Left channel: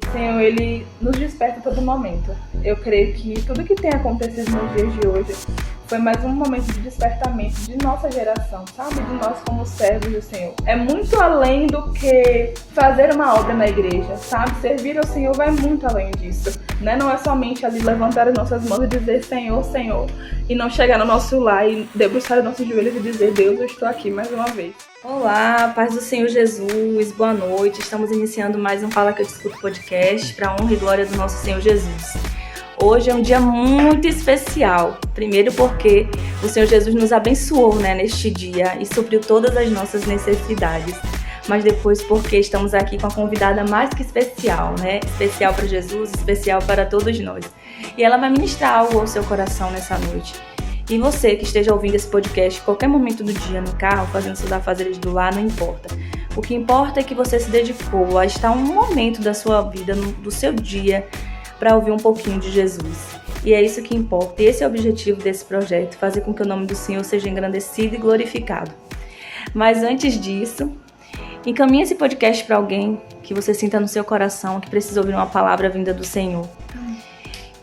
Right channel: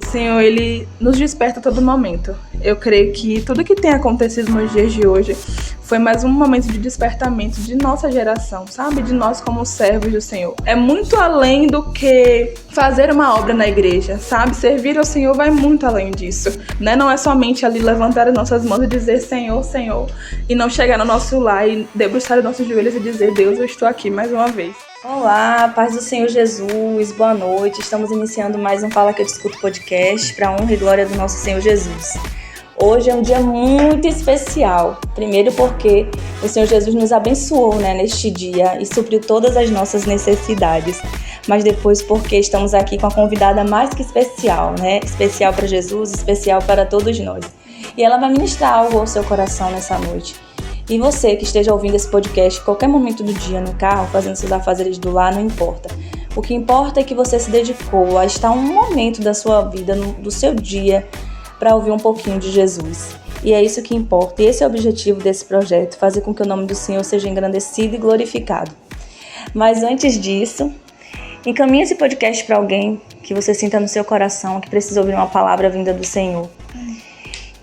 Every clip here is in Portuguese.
O Senhor, Ele nos desperta a todo momento. Eu creio que tudo que tem acontecido nos dias de hoje foi mais um momento de despertamento de nossa geração, sabe? De nós como servos do Senhor. É muito além do que fazer uma obra na igreja, sabe? Servir ao Senhor vai muito além disso, né? Não é somente ali levantar as nossas mãos e dizer Senhor, Senhor, e não chegar no nosso lar e debruçar os nossos joelhos e dizer Deus, eu estou aqui mais uma vez. Olá, paz do Senhor Jesus, boa noite. Estamos iniciando mais um Fala Que Eu Te Escuto podcast para a honra e glória do nosso Senhor Jesus. Hoje é um dia muito especial, primeiro porque o Senhor Jesus nos abençoou, neste dia e supriu todas as nossas necessidades, mas depois porque estamos aqui com a convidada mais que especial, especial para Jesus, especial para todos nós. E ela vai ministrar algo ao seu coração nessa noite. E você que esteja ouvindo esse podcast em qualquer momento do dia, no carro, fazendo seus afazeres do lar, não importa. O que importa é que você se dedicou a estar um momento da sua vida, do seu dia, para ouvir um pouquinho de Jesus. E é isso que importa. E esse é o objetivo desse projeto, fazer com que o nome do Senhor seja engrandecido e glorificado. Mas antes disso, encaminhe esse podcast para alguém que você sinta no seu coração, que precisa ouvir uma palavra vinda do Senhor.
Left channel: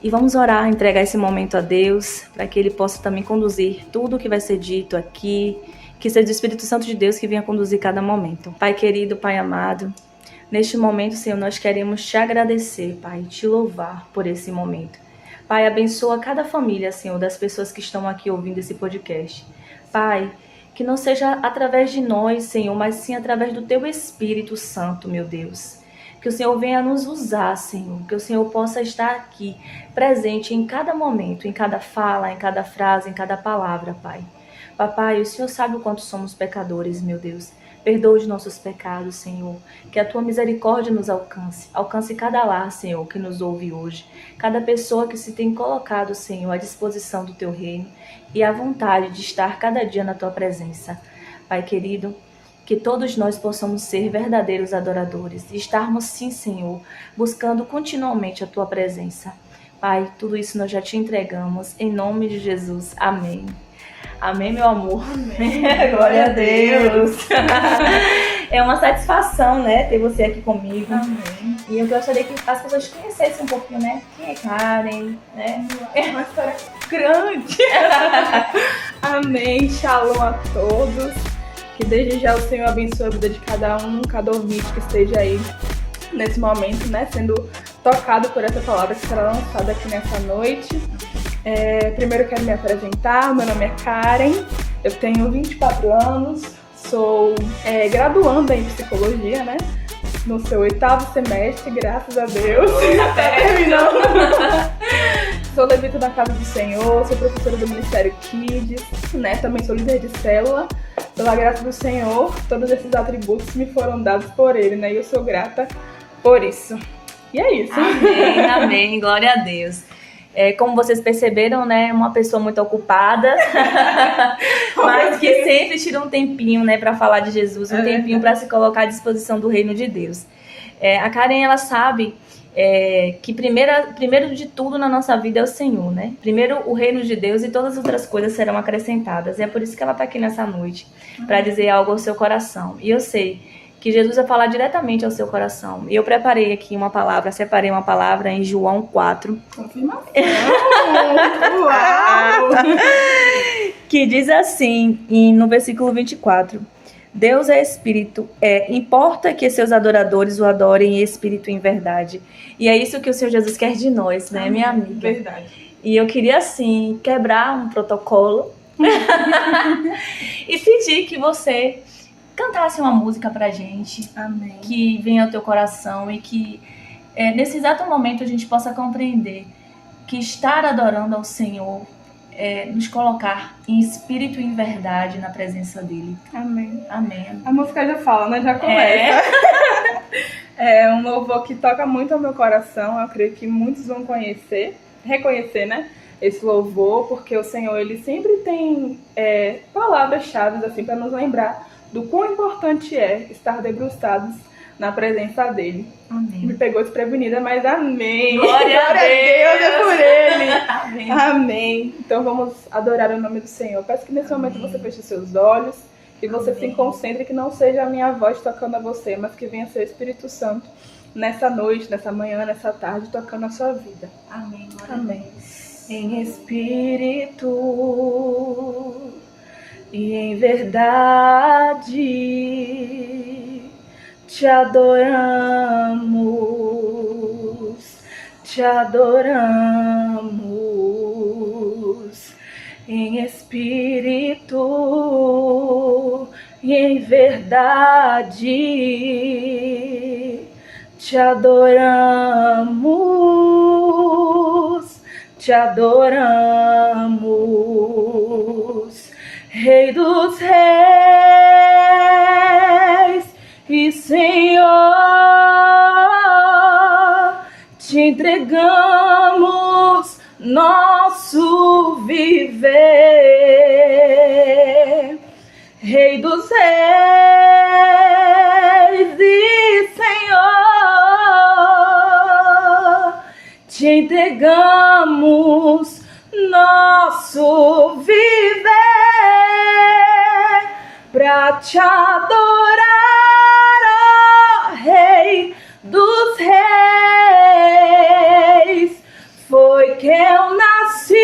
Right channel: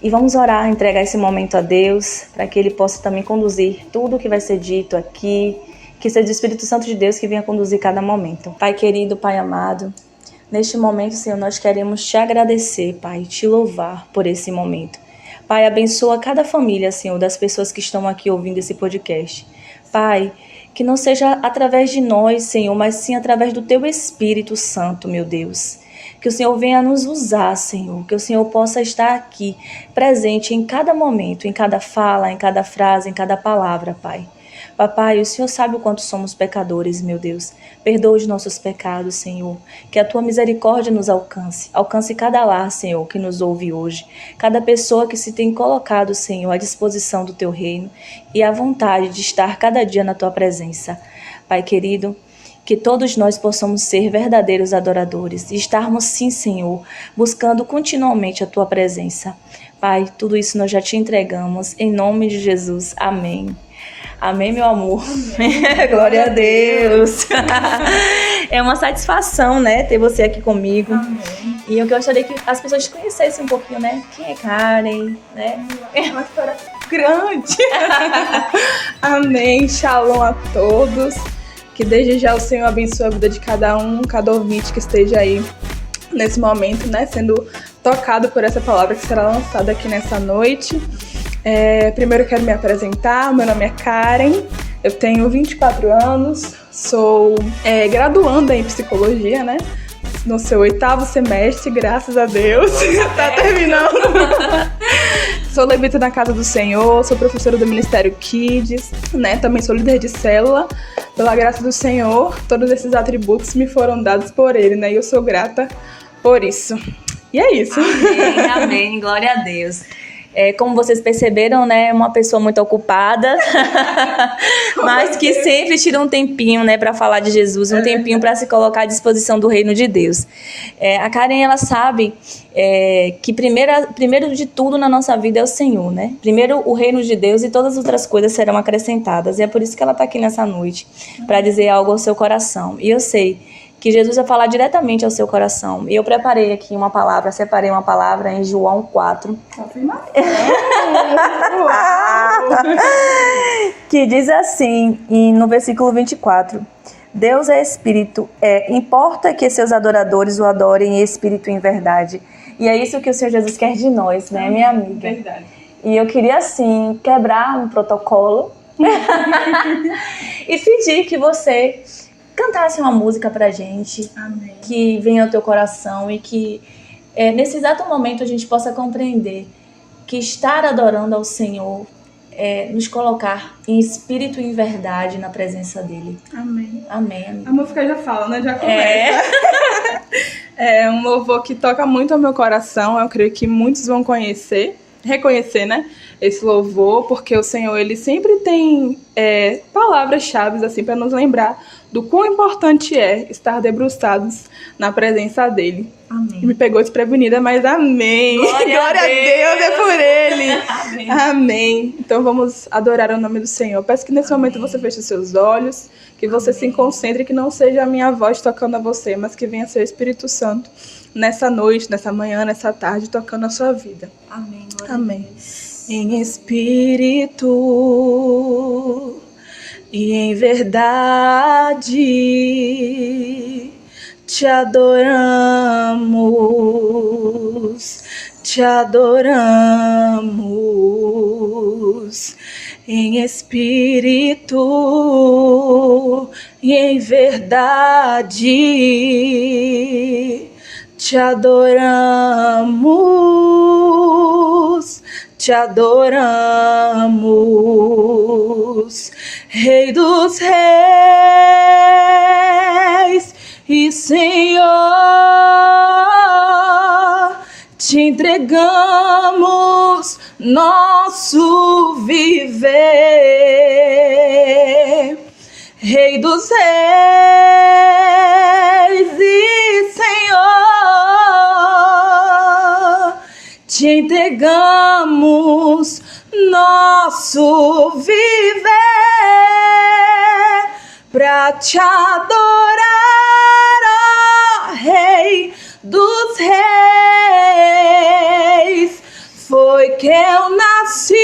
E vamos orar, entregar esse momento a Deus, para que Ele possa também conduzir tudo o que vai ser dito aqui, que seja o Espírito Santo de Deus que venha conduzir cada momento. Pai querido, Pai amado, neste momento, Senhor, nós queremos te agradecer, Pai, e te louvar por esse momento. Pai, abençoa cada família, Senhor, das pessoas que estão aqui ouvindo esse podcast. Pai, que não seja através de nós, Senhor, mas sim através do Teu Espírito Santo, meu Deus. Que o Senhor venha nos usar, Senhor, que o Senhor possa estar aqui, presente em cada momento, em cada fala, em cada frase, em cada palavra, Pai. Papai, o Senhor sabe o quanto somos pecadores, meu Deus. Perdoa os nossos pecados, Senhor. Que a Tua misericórdia nos alcance. Alcance cada lar, Senhor, que nos ouve hoje. Cada pessoa que se tem colocado, Senhor, à disposição do Teu reino e à vontade de estar cada dia na Tua presença. Pai querido, que todos nós possamos ser verdadeiros adoradores e estarmos, sim, Senhor, buscando continuamente a Tua presença. Pai, tudo isso nós já te entregamos, em nome de Jesus. Amém. Amém, meu amor. Amém. Glória a Deus. É uma satisfação, ter você aqui comigo. Amém. E eu gostaria que as pessoas conhecessem um pouquinho, quem é Karen, É uma história grande. Amém. Shalom a todos. Que desde já o Senhor abençoe a vida de cada um, cada ouvinte que esteja aí nesse momento, sendo tocado por essa palavra que será lançada aqui nessa noite. Primeiro eu quero me apresentar, meu nome é Karen, eu tenho 24 anos, sou graduanda em psicologia, no seu 8º semestre, graças a Deus, tá terminando. Sou levita na Casa do Senhor, sou professora do Ministério Kids, também sou líder de célula. Pela graça do Senhor, todos esses atributos me foram dados por Ele, e eu sou grata por isso. E é isso. Amém, amém, glória a Deus. Como vocês perceberam, é uma pessoa muito ocupada, mas que sempre tira um tempinho, para falar de Jesus, um tempinho para se colocar à disposição do reino de Deus. A Karen, ela sabe que primeiro de tudo na nossa vida é o Senhor, Primeiro o reino de Deus e todas as outras coisas serão acrescentadas. E é por isso que ela está aqui nessa noite, para dizer algo ao seu coração. E eu sei que Jesus vai falar diretamente ao seu coração. E eu separei uma palavra em João 4. Confirmação. Que diz assim, no versículo 24. Deus é espírito, importa que seus adoradores o adorem em espírito e em verdade. E é isso que o Senhor Jesus quer de nós, minha amiga? Verdade. E eu queria, assim, quebrar um protocolo e pedir que você cantasse uma música pra gente. Amém. Que venha ao teu coração e que nesse exato momento a gente possa compreender que estar adorando ao Senhor é nos colocar em espírito e em verdade na presença dele. Amém. Amém. A música já fala, já começa. É um louvor que toca muito ao meu coração. Eu creio que muitos vão reconhecer, esse louvor, porque o Senhor, ele sempre tem palavras-chave assim, para nos lembrar do quão importante é estar debruçados na presença dele. Amém. Me pegou desprevenida, mas amém. Glória a Deus é por ele. Amém. Amém. Então vamos adorar o nome do Senhor. Peço que nesse momento você feche os seus olhos, que você se concentre, que não seja a minha voz tocando a você, mas que venha ser o Espírito Santo nessa noite, nessa manhã, nessa tarde, tocando a sua vida. Amém. Amém. Em espírito e em verdade te adoramos, em espírito e em verdade te adoramos, Rei dos reis e Senhor, te entregamos nosso viver. Rei dos reis e Senhor, te entregamos nosso viver pra te adorar, ó Rei dos reis. Foi que eu nasci,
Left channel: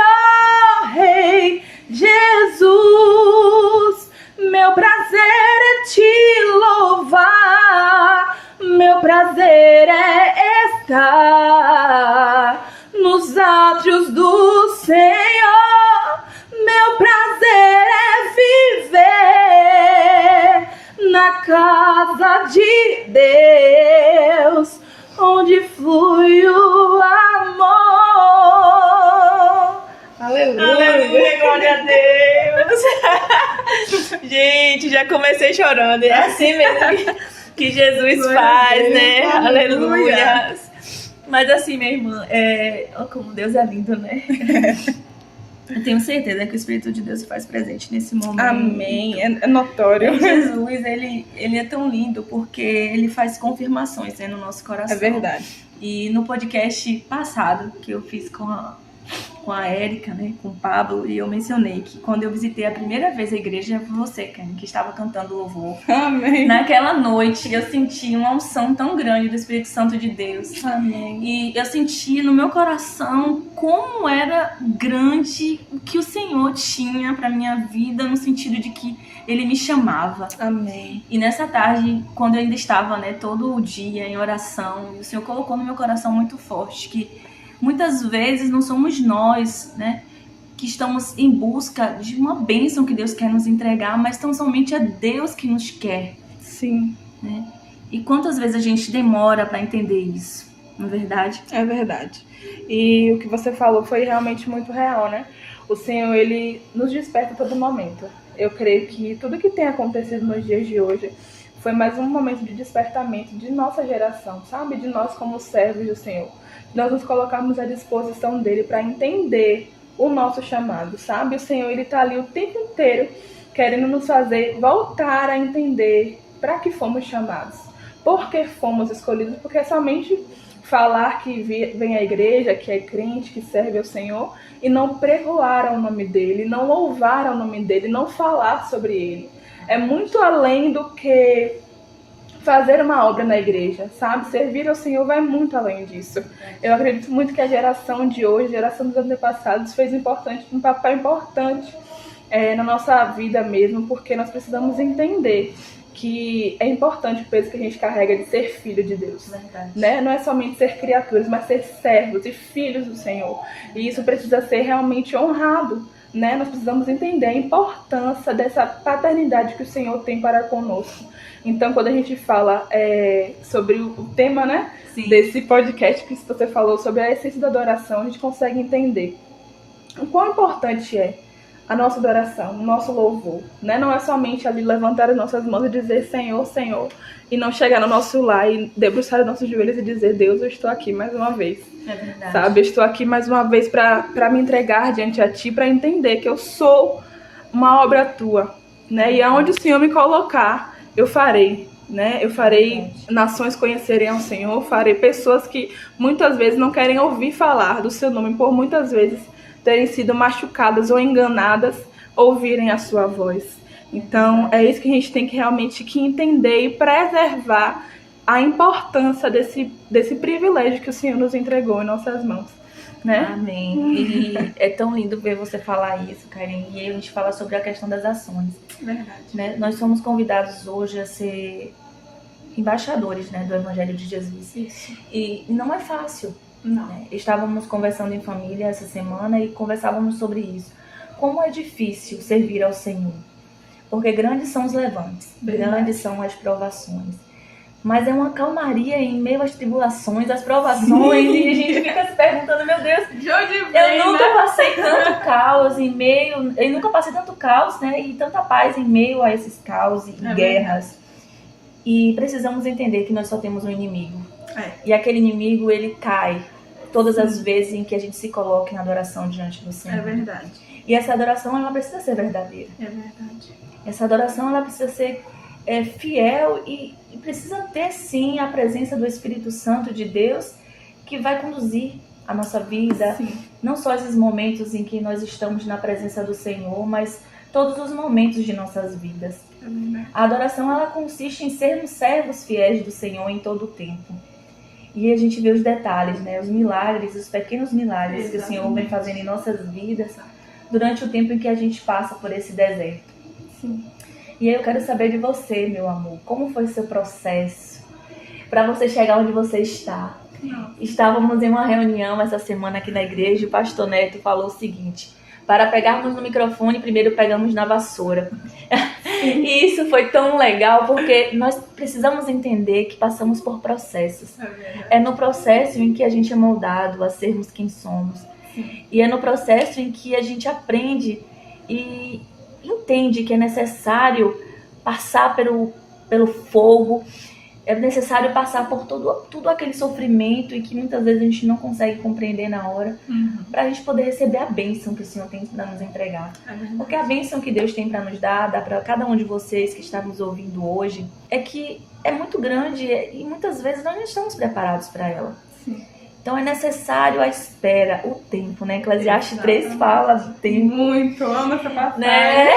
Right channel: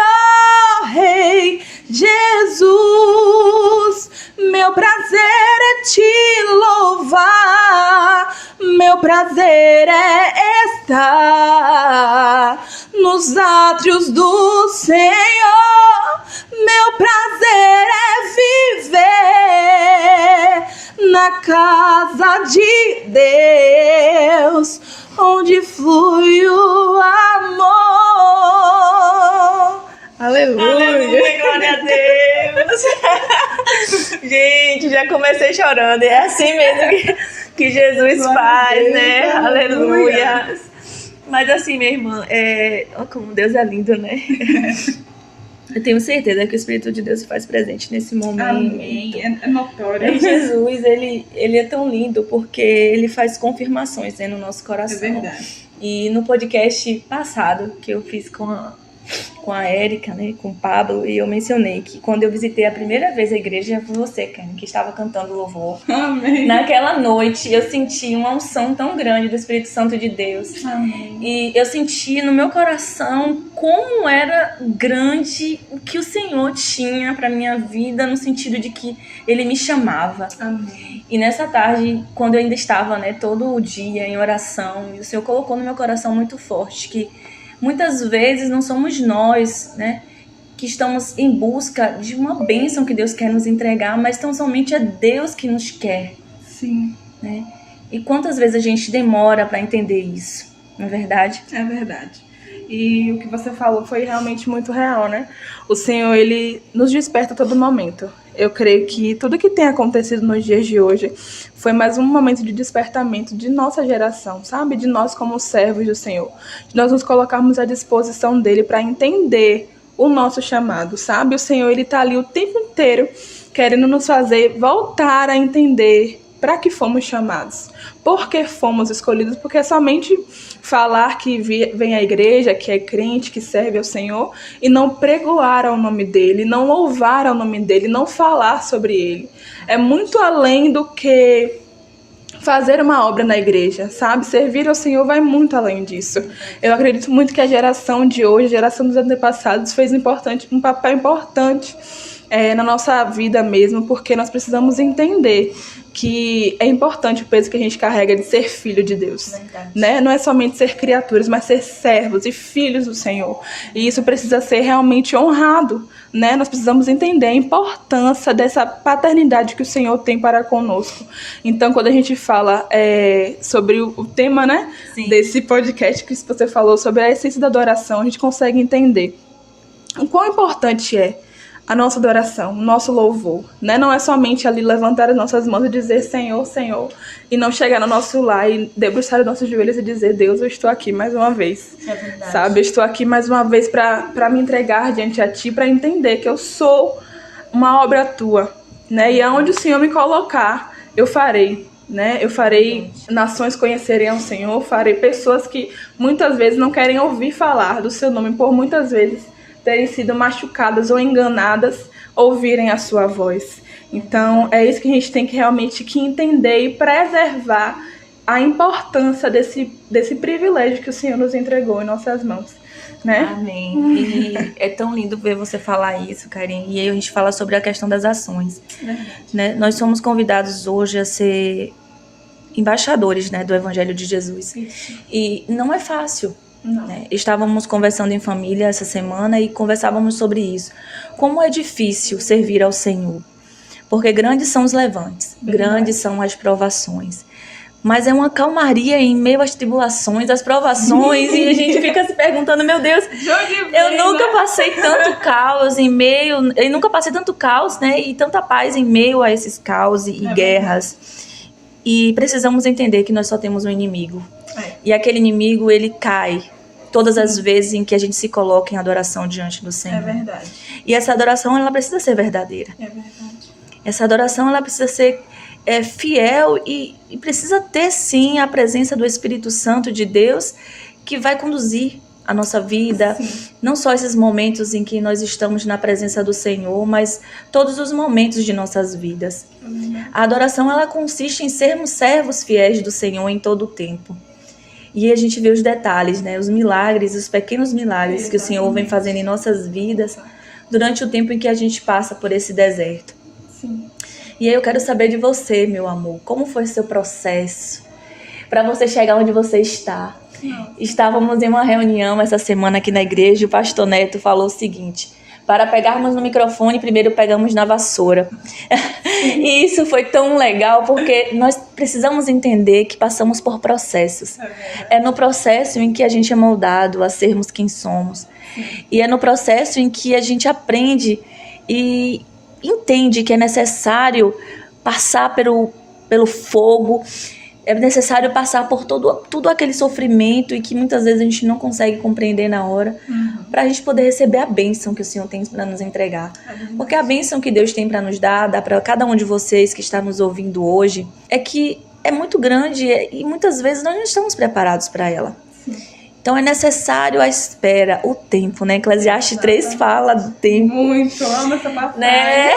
ó Rei Jesus. Meu prazer é te louvar, meu prazer é estar nos átrios do Senhor. Meu prazer é viver na casa de Deus, onde flui o amor. Aleluia. Aleluia, glória a Deus. Gente, já comecei chorando. É assim mesmo que Jesus glória faz, Deus, né? Aleluia. Mas assim, minha irmã, como Deus é lindo, né? Eu tenho certeza que o Espírito de Deus se faz presente nesse momento. Amém. É notório. Jesus, ele é tão lindo porque ele faz confirmações, né, no nosso coração. É verdade. E no podcast passado que eu fiz com a Érica, né, com o Pablo, e eu mencionei que quando eu visitei a primeira vez a igreja, foi você, Karen, que estava cantando louvor. Amém. Naquela noite eu senti uma unção tão grande do Espírito Santo de Deus. Amém. E eu senti no meu coração como era grande o que o Senhor tinha para minha vida, no sentido de que Ele me chamava. Amém. E nessa tarde, quando eu ainda estava, né, todo o dia em oração, e o Senhor colocou no meu coração muito forte que muitas vezes não somos nós, né, que estamos em busca de uma bênção que Deus quer nos entregar, mas tão somente é Deus que nos quer. Sim. Né? E quantas vezes a gente demora para entender isso, não é verdade? É verdade. E o que você falou foi realmente muito real, né? O Senhor, Ele nos desperta a todo momento. Eu creio que tudo que tem acontecido nos dias de hoje foi mais um momento de despertamento de nossa geração, sabe? De nós como servos do Senhor. De nós nos colocarmos à disposição dEle para entender o nosso chamado, sabe? O Senhor, Ele está ali o tempo inteiro querendo nos fazer voltar a entender para que fomos chamados. Por que fomos escolhidos? Porque somente falar que vem à igreja, que é crente, que serve ao Senhor, e não pregoar ao nome dEle, não louvar ao nome dEle, não falar sobre Ele. É muito além do que fazer uma obra na igreja, sabe? Servir ao Senhor vai muito além disso. Eu acredito muito que a geração de hoje, a geração dos antepassados, fez um papel importante na nossa vida mesmo, porque nós precisamos entender que é importante o peso que a gente carrega de ser filho de Deus, né? Não é somente ser criaturas, mas ser servos e filhos do Senhor. E isso precisa ser realmente honrado, né? Nós precisamos entender a importância dessa paternidade que o Senhor tem para conosco. Então, quando a gente fala sobre o tema, né, desse podcast que você falou sobre a essência da adoração, a gente consegue entender o quão importante é a nossa adoração, o nosso louvor, né? Não é somente ali levantar as nossas mãos e dizer Senhor, Senhor, e não chegar no nosso lar e debruçar os nossos joelhos e dizer Deus, eu estou aqui mais uma vez, sabe? Eu estou aqui mais uma vez para me entregar diante a Ti, para entender que eu sou uma obra Tua, né? E aonde o Senhor me colocar, eu farei, né? Eu farei nações conhecerem ao Senhor, farei pessoas que muitas vezes não querem ouvir falar do Seu nome, por muitas vezes terem sido machucadas ou enganadas, ouvirem a sua voz. Então, é isso que a gente tem que realmente entender e preservar a importância desse privilégio que o Senhor nos entregou em nossas mãos, né? Amém. E é tão lindo ver você falar isso, Karen. E aí a gente fala sobre a questão das ações. Verdade. Né? Nós somos convidados hoje a ser embaixadores, né, do Evangelho de Jesus. Isso. E não é fácil. Não. Né? Estávamos conversando em família essa semana e conversávamos sobre isso. Como é difícil servir ao Senhor. Porque grandes são os levantes, Verdade. grandes são as provações. Mas é uma calmaria em meio às tribulações, às provações, e a gente fica se perguntando, meu Deus, eu nunca passei tanto caos em meio, eu nunca passei tanto caos, né, e tanta paz em meio a esses caos e guerras. E precisamos entender que nós só temos um inimigo. E aquele inimigo, ele cai todas as vezes em que a gente se coloca em adoração diante do Senhor. É verdade. E essa adoração, ela precisa ser verdadeira. É verdade. Essa adoração, ela precisa ser fiel e precisa ter, sim, a presença do Espírito Santo de Deus que vai conduzir a nossa vida. Sim. Não só esses momentos em que nós estamos na presença do Senhor, mas todos os momentos de nossas vidas. A adoração, ela consiste em sermos servos fiéis do Senhor em todo o tempo. E a gente vê os detalhes, né? Os milagres, os pequenos milagres que o Senhor vem fazendo em nossas vidas durante o tempo em que a gente passa por esse deserto. Sim. E aí eu quero saber de você, meu amor, como foi o seu processo para você chegar onde você está? Não. Estávamos em uma reunião essa semana aqui na igreja e o pastor Neto falou o seguinte: para pegarmos no microfone, primeiro pegamos na vassoura. E isso foi tão legal porque nós precisamos entender que passamos por processos. É no processo em que a gente é moldado a sermos quem somos. E é no processo em que a gente aprende e entende que é necessário passar pelo fogo, é necessário passar por todo aquele sofrimento e que muitas vezes a gente não consegue compreender na hora, para a gente poder receber a bênção que o Senhor tem para nos entregar. Porque a bênção que Deus tem para nos dar, dá para cada um de vocês que está nos ouvindo hoje, é que é muito grande e muitas vezes nós não estamos preparados para ela. Então é necessário a espera, o tempo, né? Eclesiastes 3 fala do tempo. Muito, amo essa passagem. Né?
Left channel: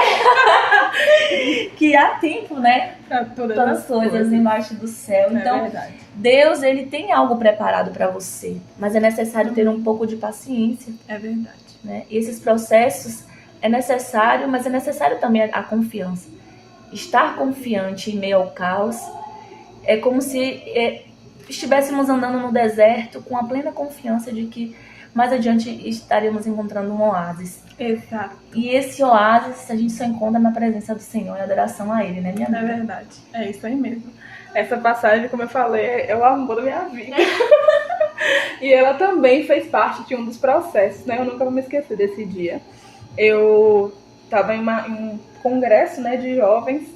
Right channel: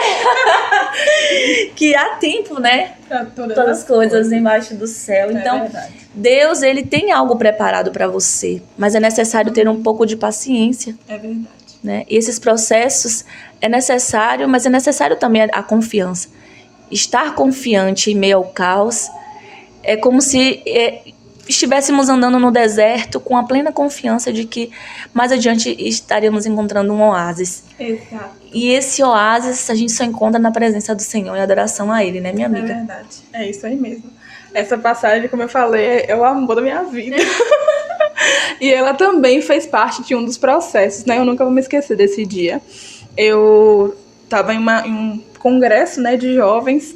Que há tempo, né? Para todas as coisas embaixo do céu. Então, verdade. Deus, ele tem algo preparado para você, mas é necessário ter um pouco de paciência. É verdade. Né? E esses processos é necessário, mas é necessário também a confiança. Estar confiante em meio ao caos é como se estivéssemos andando no deserto com a plena confiança de que mais adiante estaríamos encontrando um oásis. Exato. E esse oásis a gente só encontra na presença do Senhor e adoração a Ele, né, minha amiga? É verdade. É isso aí mesmo. Essa passagem, como eu falei, é o amor da minha vida. E ela também fez parte de um dos processos, né? Eu nunca vou me esquecer desse dia. Eu estava em um congresso, né, de jovens.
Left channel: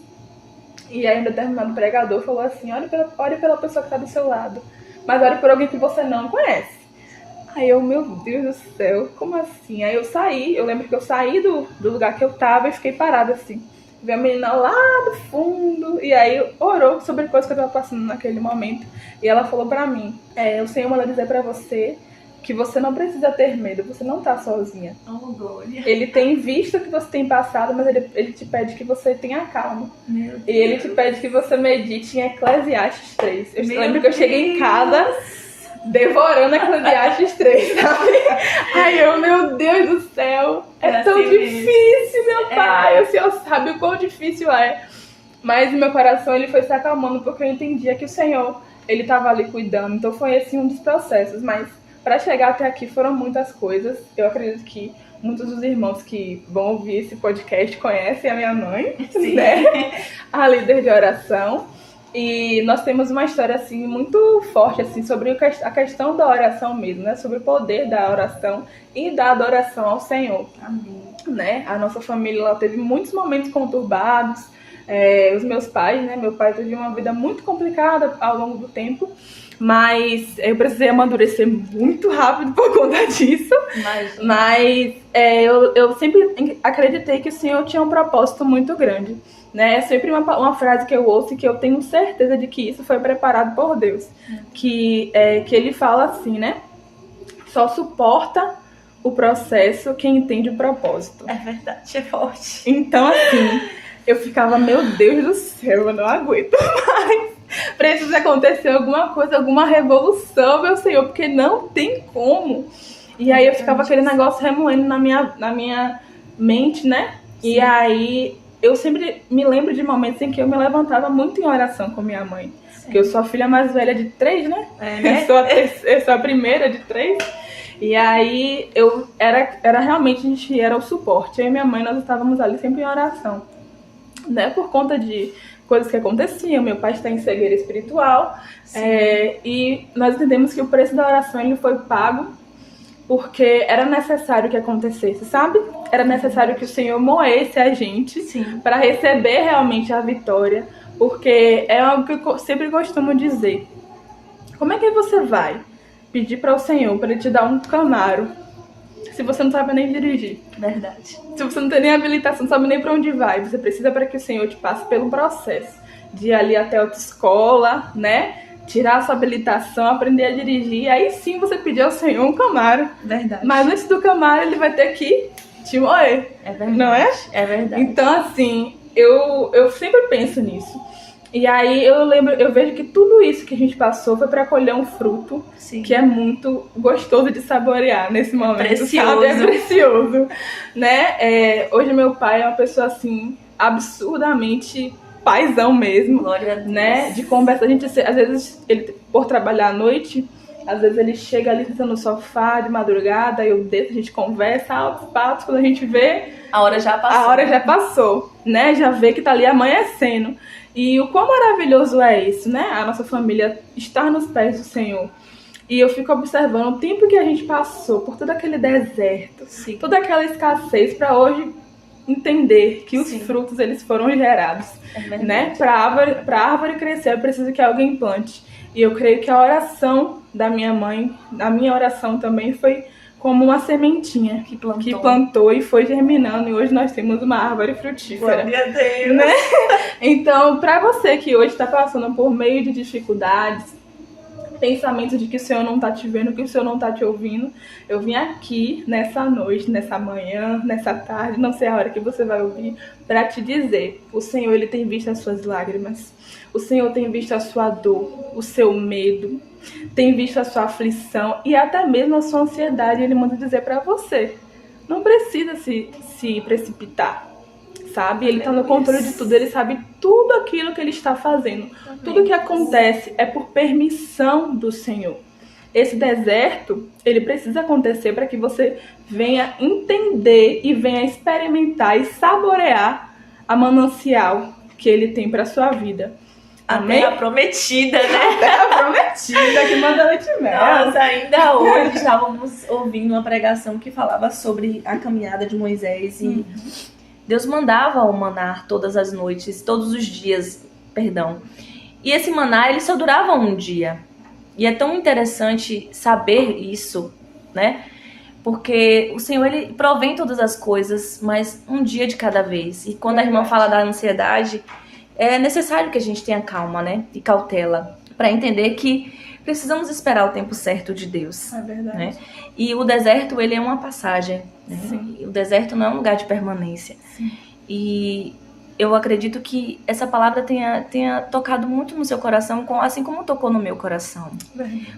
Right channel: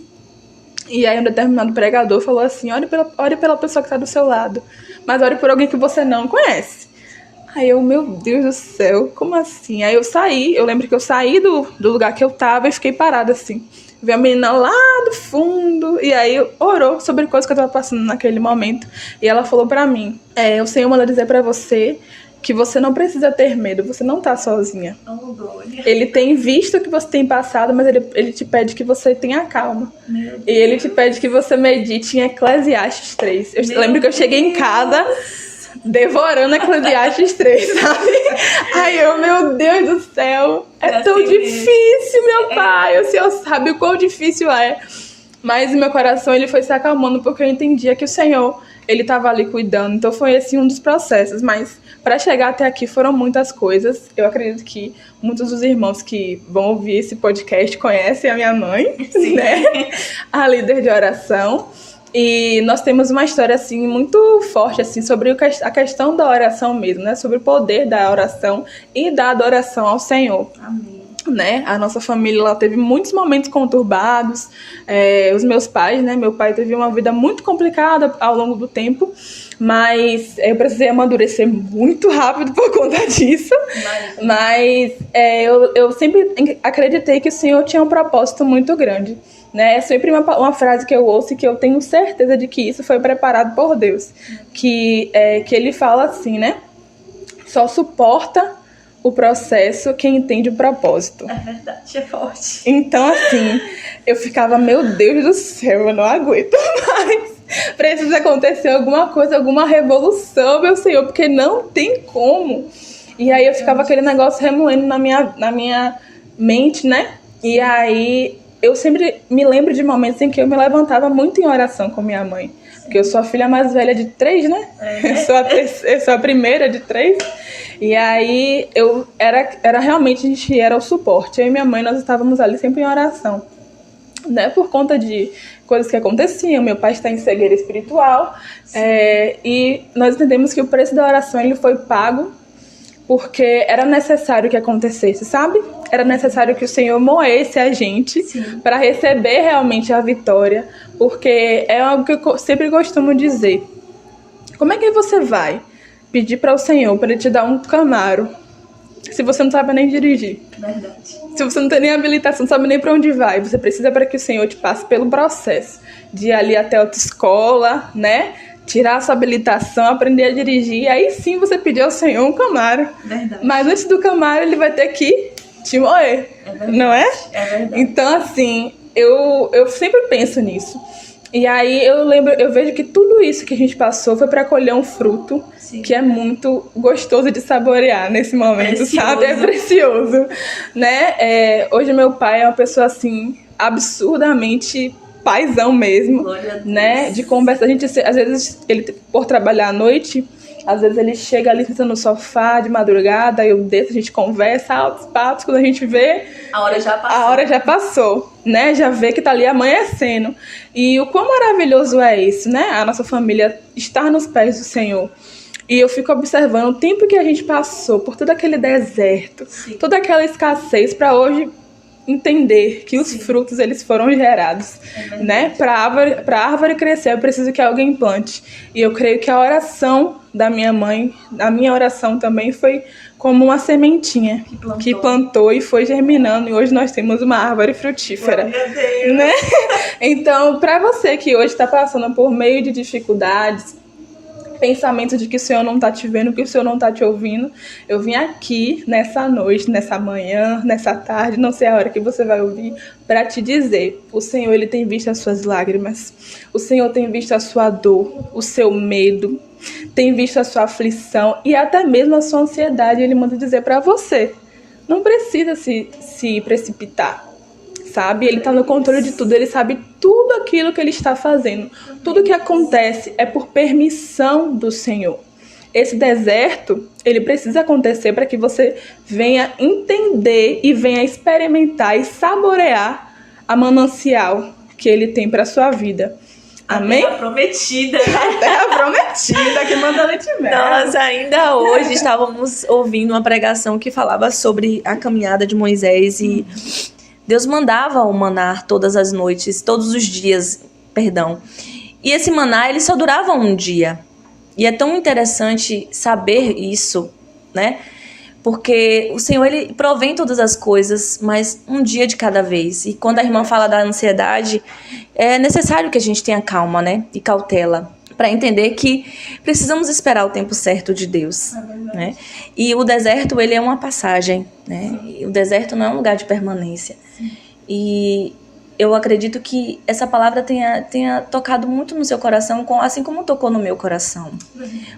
E aí um determinado pregador falou assim: ore pela pessoa que está do seu lado, mas ore por alguém que você não conhece. Aí eu, meu Deus do céu, como assim? Aí eu lembro que eu saí do lugar que eu tava e fiquei parada assim. Vi a menina lá do fundo, e aí orou sobre coisas que eu tava passando naquele momento. E ela falou pra mim: o Senhor manda dizer pra você que você não precisa ter medo, você não tá sozinha. Oh, glória. Ele tem visto o que você tem passado, mas ele te pede que você tenha calma. E ele te pede que você medite em Eclesiastes 3. Eu lembro que eu cheguei em casa devorando Eclesiastes 3, sabe? Ai, meu Deus do céu, é tão difícil, meu pai. O Senhor sabe o quão difícil é. Mas o meu coração, ele foi se acalmando, porque eu entendia que o Senhor, ele estava ali cuidando. Então foi esse um dos processos, mas para chegar até aqui foram muitas coisas. Eu acredito que muitos dos irmãos que vão ouvir esse podcast conhecem a minha mãe, né? A líder de oração. E nós temos uma história assim muito forte assim sobre a questão da oração mesmo, né? Sobre o poder da oração e da adoração ao Senhor. Amém. Né? A nossa família ela teve muitos momentos conturbados. Os meus pais, né? Meu pai teve uma vida muito complicada ao longo do tempo. Mas eu precisei amadurecer muito rápido por conta disso. Mas eu sempre acreditei que o Senhor tinha um propósito muito grande. Né? É sempre uma frase que eu ouço e que eu tenho certeza de que isso foi preparado por Deus. Que ele fala assim, né? Só suporta o processo quem entende o propósito. É verdade, é forte. Então, assim, eu ficava, meu Deus do céu, eu não aguento mais. precisa acontecer alguma coisa, alguma revolução, meu Senhor, porque não tem como. E aí eu ficava aquele negócio remoendo na minha mente, né? E aí eu sempre me lembro de momentos em que eu me levantava muito em oração com minha mãe. Porque eu sou a filha mais velha de 3, né? Eu sou a primeira de 3. E aí eu era realmente, a gente era o suporte. Eu e minha mãe, nós estávamos ali sempre em oração, né? Por conta de coisas que aconteciam. Meu pai está em cegueira espiritual. E nós entendemos que o preço da oração ele foi pago porque era necessário que acontecesse, sabe? Era necessário que o Senhor moesse a gente para receber realmente a vitória. Porque é algo que eu sempre costumo dizer. Como é que você vai pedir para o Senhor para ele te dar um Camaro se você não sabe nem dirigir? Verdade. Se você não tem nem habilitação, não sabe nem para onde vai. Você precisa para que o Senhor te passe pelo processo de ir ali até a autoescola, né? Tirar a sua habilitação, aprender a dirigir. Aí sim você pedir ao Senhor um Camaro. Verdade. Mas antes do Camaro, ele vai ter que te moer. É verdade. Não é? É verdade. Então, assim, eu sempre penso nisso. E aí eu vejo que tudo isso que a gente passou foi para colher um fruto que é muito gostoso de saborear nesse momento, sabe? É precioso, né? Hoje meu pai é uma pessoa, assim, absurdamente paizão mesmo, né? De conversa, a gente, às vezes, ele por trabalhar à noite, às vezes ele chega ali sentando no sofá de madrugada, eu desço, a gente conversa, altos papos, quando a gente vê... A hora já passou, né? Já vê que tá ali amanhecendo. E o quão maravilhoso é isso, né? A nossa família estar nos pés do Senhor. E eu fico observando o tempo que a gente passou por todo aquele deserto, toda aquela escassez, para hoje entender que os frutos eles foram gerados, né? Para a árvore crescer, é preciso que alguém plante. E eu creio que a oração da minha mãe, a minha oração também foi como uma sementinha que plantou e foi germinando, e hoje nós temos uma árvore frutífera. Glória a Deus. Né? Então, para você que hoje está passando por meio de dificuldades, pensamento de que o Senhor não está te vendo, que o Senhor não está te ouvindo, eu vim aqui nessa noite, nessa manhã, nessa tarde, não sei a hora que você vai ouvir, para te dizer, o Senhor ele tem visto as suas lágrimas, o Senhor tem visto a sua dor, o seu medo, tem visto a sua aflição e até mesmo a sua ansiedade. Ele manda dizer para você, não precisa se precipitar, sabe? Ele está no controle de tudo, ele sabe tudo aquilo que ele está fazendo. Tudo que acontece é por permissão do Senhor. Esse deserto, ele precisa acontecer para que você venha entender e venha experimentar e saborear a manancial que ele tem para sua vida. Amém? A terra prometida, né? A terra prometida que manda leite e mel. Nós ainda hoje estávamos ouvindo uma pregação que falava sobre a caminhada de Moisés e Deus mandava o maná todas as noites, todos os dias, perdão. E esse maná, ele só durava um dia. E é tão interessante saber isso, né? Porque o Senhor, ele provém todas as coisas, mas um dia de cada vez. E quando a irmã fala da ansiedade, é necessário que a gente tenha calma, né? E cautela, para entender que precisamos esperar o tempo certo de Deus. É verdade. Né? E o deserto, ele é uma passagem, né? O deserto não é um lugar de permanência. Sim. E eu acredito que essa palavra tenha tocado muito no seu coração, assim como tocou no meu coração.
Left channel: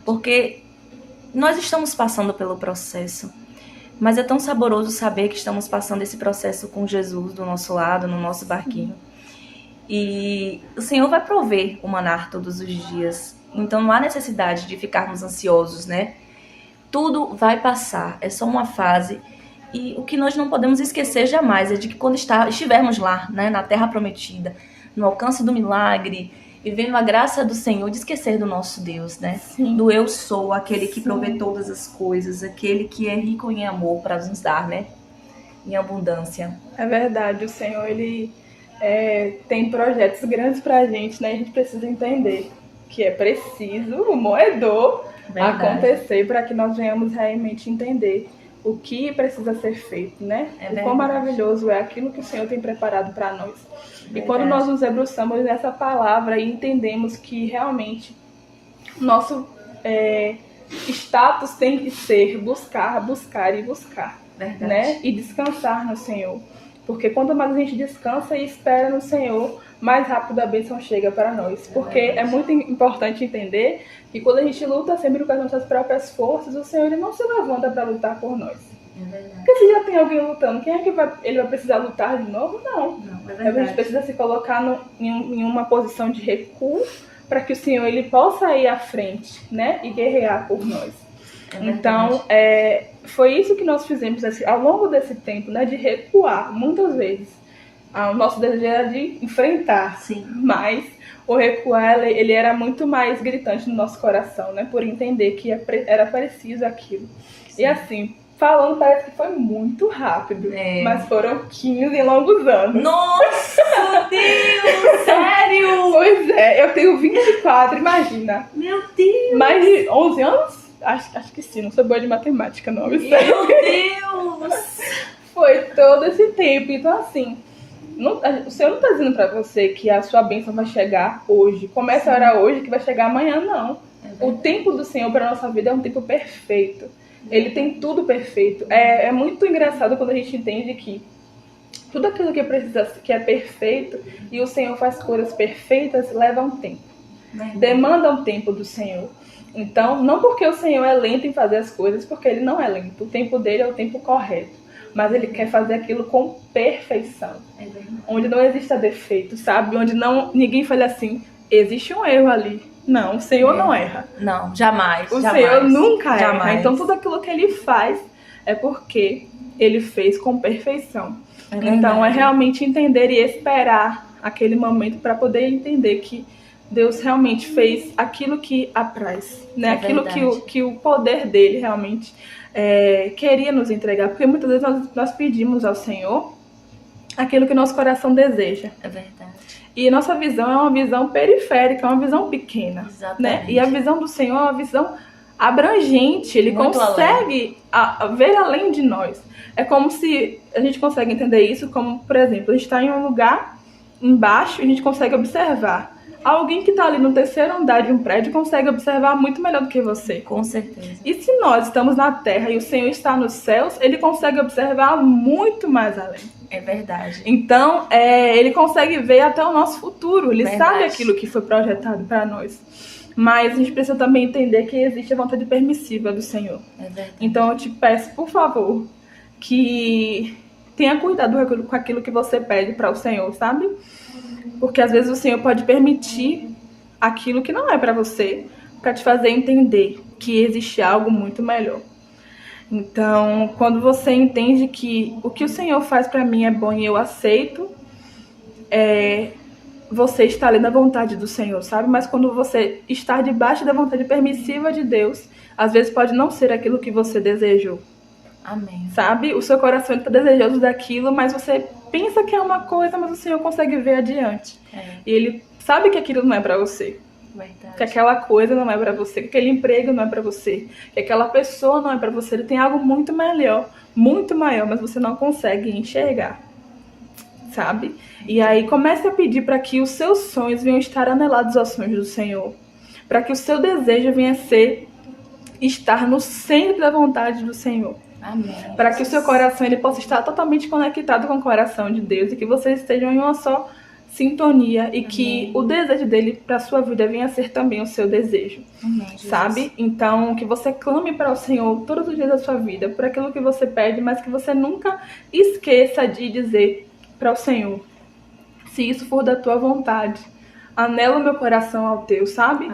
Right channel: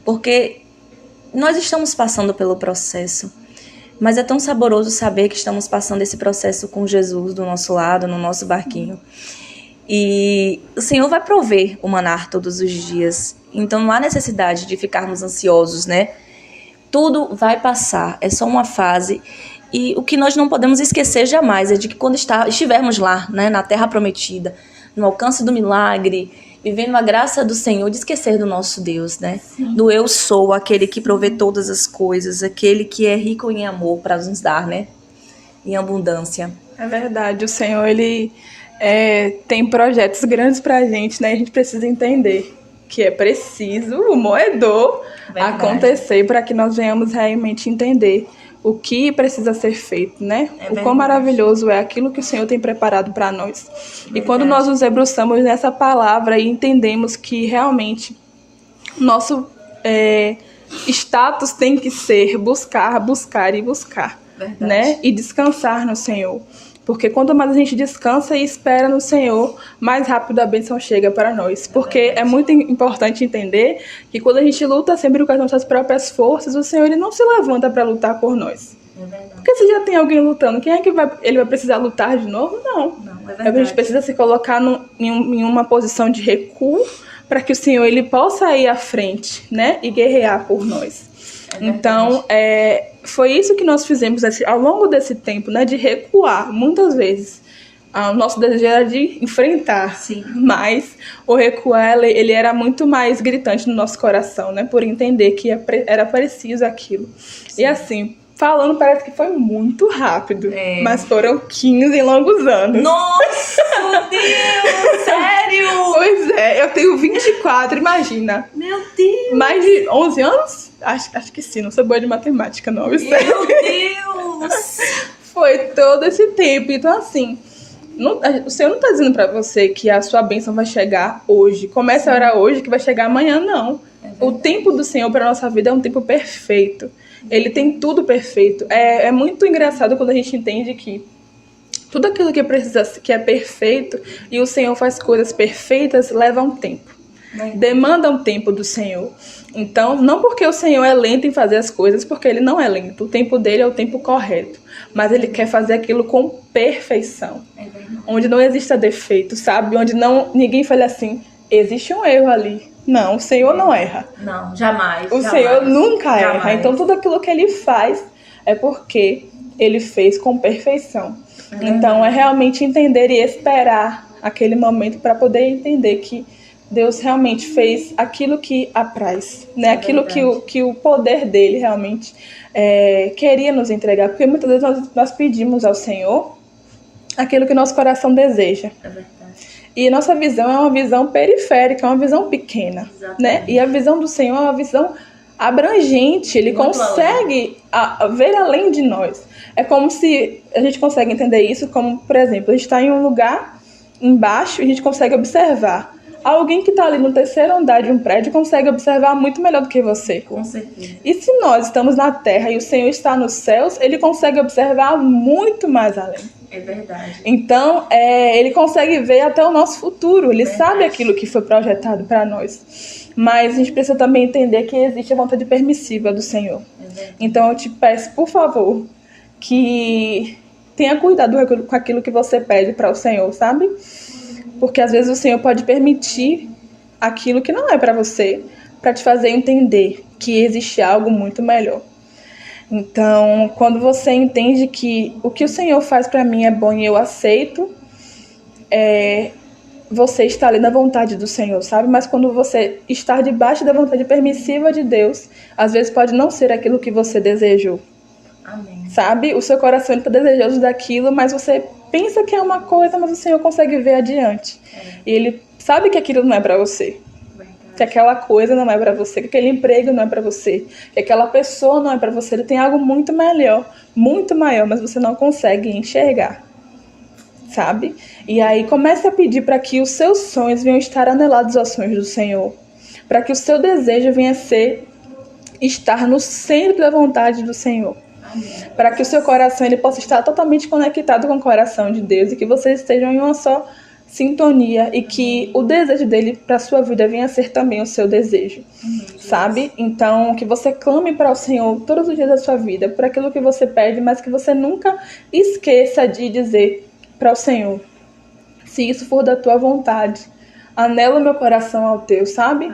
Porque nós estamos passando pelo processo, mas é tão saboroso saber que estamos passando esse processo com Jesus do nosso lado, no nosso barquinho. E o Senhor vai prover o maná todos os dias. Então não há necessidade de ficarmos ansiosos, né? Tudo vai passar, é só uma fase. E o que nós não podemos esquecer jamais é de que quando estivermos lá, né, na terra prometida, no alcance do milagre, vivendo a graça do Senhor, de esquecer do nosso Deus, né? Sim. Do eu sou, aquele que provê todas as coisas, aquele que é rico em amor para nos dar, né? Em abundância. É verdade, o Senhor, ele tem projetos grandes pra gente, né? A gente precisa entender que é preciso o moedor acontecer para que nós venhamos realmente entender o que precisa ser feito, né? O quão maravilhoso é aquilo que o Senhor tem preparado para nós. E quando nós nos debruçamos nessa palavra e entendemos que realmente nosso status tem que ser buscar, né? E descansar no Senhor. Porque quanto mais a gente descansa e espera no Senhor, mais rápido a bênção chega para nós. Porque é muito importante entender que quando a gente luta sempre com as nossas próprias forças, o Senhor ele não se levanta para lutar por nós. Porque se já tem alguém lutando, quem é que ele vai precisar lutar de novo? Não. A gente precisa se colocar em uma posição de recuo para que o Senhor ele possa ir à frente, né? E guerrear por nós. Então, foi isso que nós fizemos ao longo desse tempo, né? De recuar, muitas vezes. O nosso desejo era de enfrentar. Sim. Mas o recuar, ele era muito mais gritante no nosso coração, né? Por entender que era preciso aquilo. Sim. E assim, falando, parece que foi muito rápido. Mas foram 15 longos anos. Nossa, meu Deus! Sério? Pois é, eu tenho 24, imagina. Meu Deus! Mais de 11 anos? Acho que sim, não sou boa de matemática, não. Meu Deus! Foi todo esse tempo. Então, assim, o Senhor não está dizendo para você que a sua bênção vai chegar hoje. Comece a orar hoje que vai chegar amanhã, não. O tempo do Senhor para nossa vida é um tempo perfeito. Ele tem tudo perfeito. É muito engraçado quando a gente entende que tudo aquilo que é perfeito e o Senhor faz coisas perfeitas leva um tempo. Demanda um tempo do Senhor. Então, não porque o Senhor é lento em fazer as coisas, porque Ele não é lento. O tempo dele é o tempo correto. Mas Ele quer fazer aquilo com perfeição. Onde não exista defeito, sabe? Onde ninguém fale assim, existe um erro ali. Não, o Senhor não erra. Não, jamais. Senhor nunca erra. Então, tudo aquilo que Ele faz é porque Ele fez com perfeição. Então, é realmente entender e esperar aquele momento para poder entender que Deus realmente fez aquilo que apraz, né? Aquilo que o poder dele realmente queria nos entregar. Porque muitas vezes nós pedimos ao Senhor aquilo que nosso coração deseja. É verdade. E nossa visão é uma visão periférica, é uma visão pequena. Exatamente. Né? E a visão do Senhor é uma visão abrangente. Ele muito consegue ver além de nós. É como se a gente consegue entender isso como, por exemplo, a gente está em um lugar embaixo e a gente consegue observar. Alguém que está ali no terceiro andar de um prédio consegue observar muito melhor do que você. Com certeza. E se nós estamos na terra e o Senhor está nos céus, Ele consegue observar muito mais além. É verdade. Então, Ele consegue ver até o nosso futuro. Ele sabe aquilo que foi projetado para nós. Mas a gente precisa também entender que existe a vontade permissiva do Senhor. É verdade. Então, eu te peço, por favor, que tenha cuidado com aquilo que você pede para o Senhor, sabe? Porque às vezes o Senhor pode permitir aquilo que não é para você, para te fazer entender que existe algo muito melhor. Então, quando você entende que o que o Senhor faz para mim é bom e eu aceito, você está ali na vontade do Senhor, sabe? Mas quando você está debaixo da vontade permissiva de Deus, às vezes pode não ser aquilo que você desejou. Amém. Sabe? O seu coração está desejoso daquilo, mas você pensa que é uma coisa, mas o Senhor consegue ver adiante. E Ele sabe que aquilo não é para você. Verdade. Que aquela coisa não é para você, que aquele emprego não é para você, que aquela pessoa não é para você. Ele tem algo muito melhor, muito maior, mas você não consegue enxergar. Sabe? E aí comece a pedir para que os seus sonhos venham estar anelados aos sonhos do Senhor. Para que o seu desejo venha ser estar no centro da vontade do Senhor. Para que o seu coração ele possa estar totalmente conectado com o coração de Deus e que vocês estejam em uma só sintonia e que o desejo dele para a sua vida venha a ser também o seu desejo, sabe? Então, que você clame para o Senhor todos os dias da sua vida por aquilo que você pede, mas que você nunca esqueça de dizer para o Senhor, se isso for da tua vontade, anela o meu coração ao teu, sabe?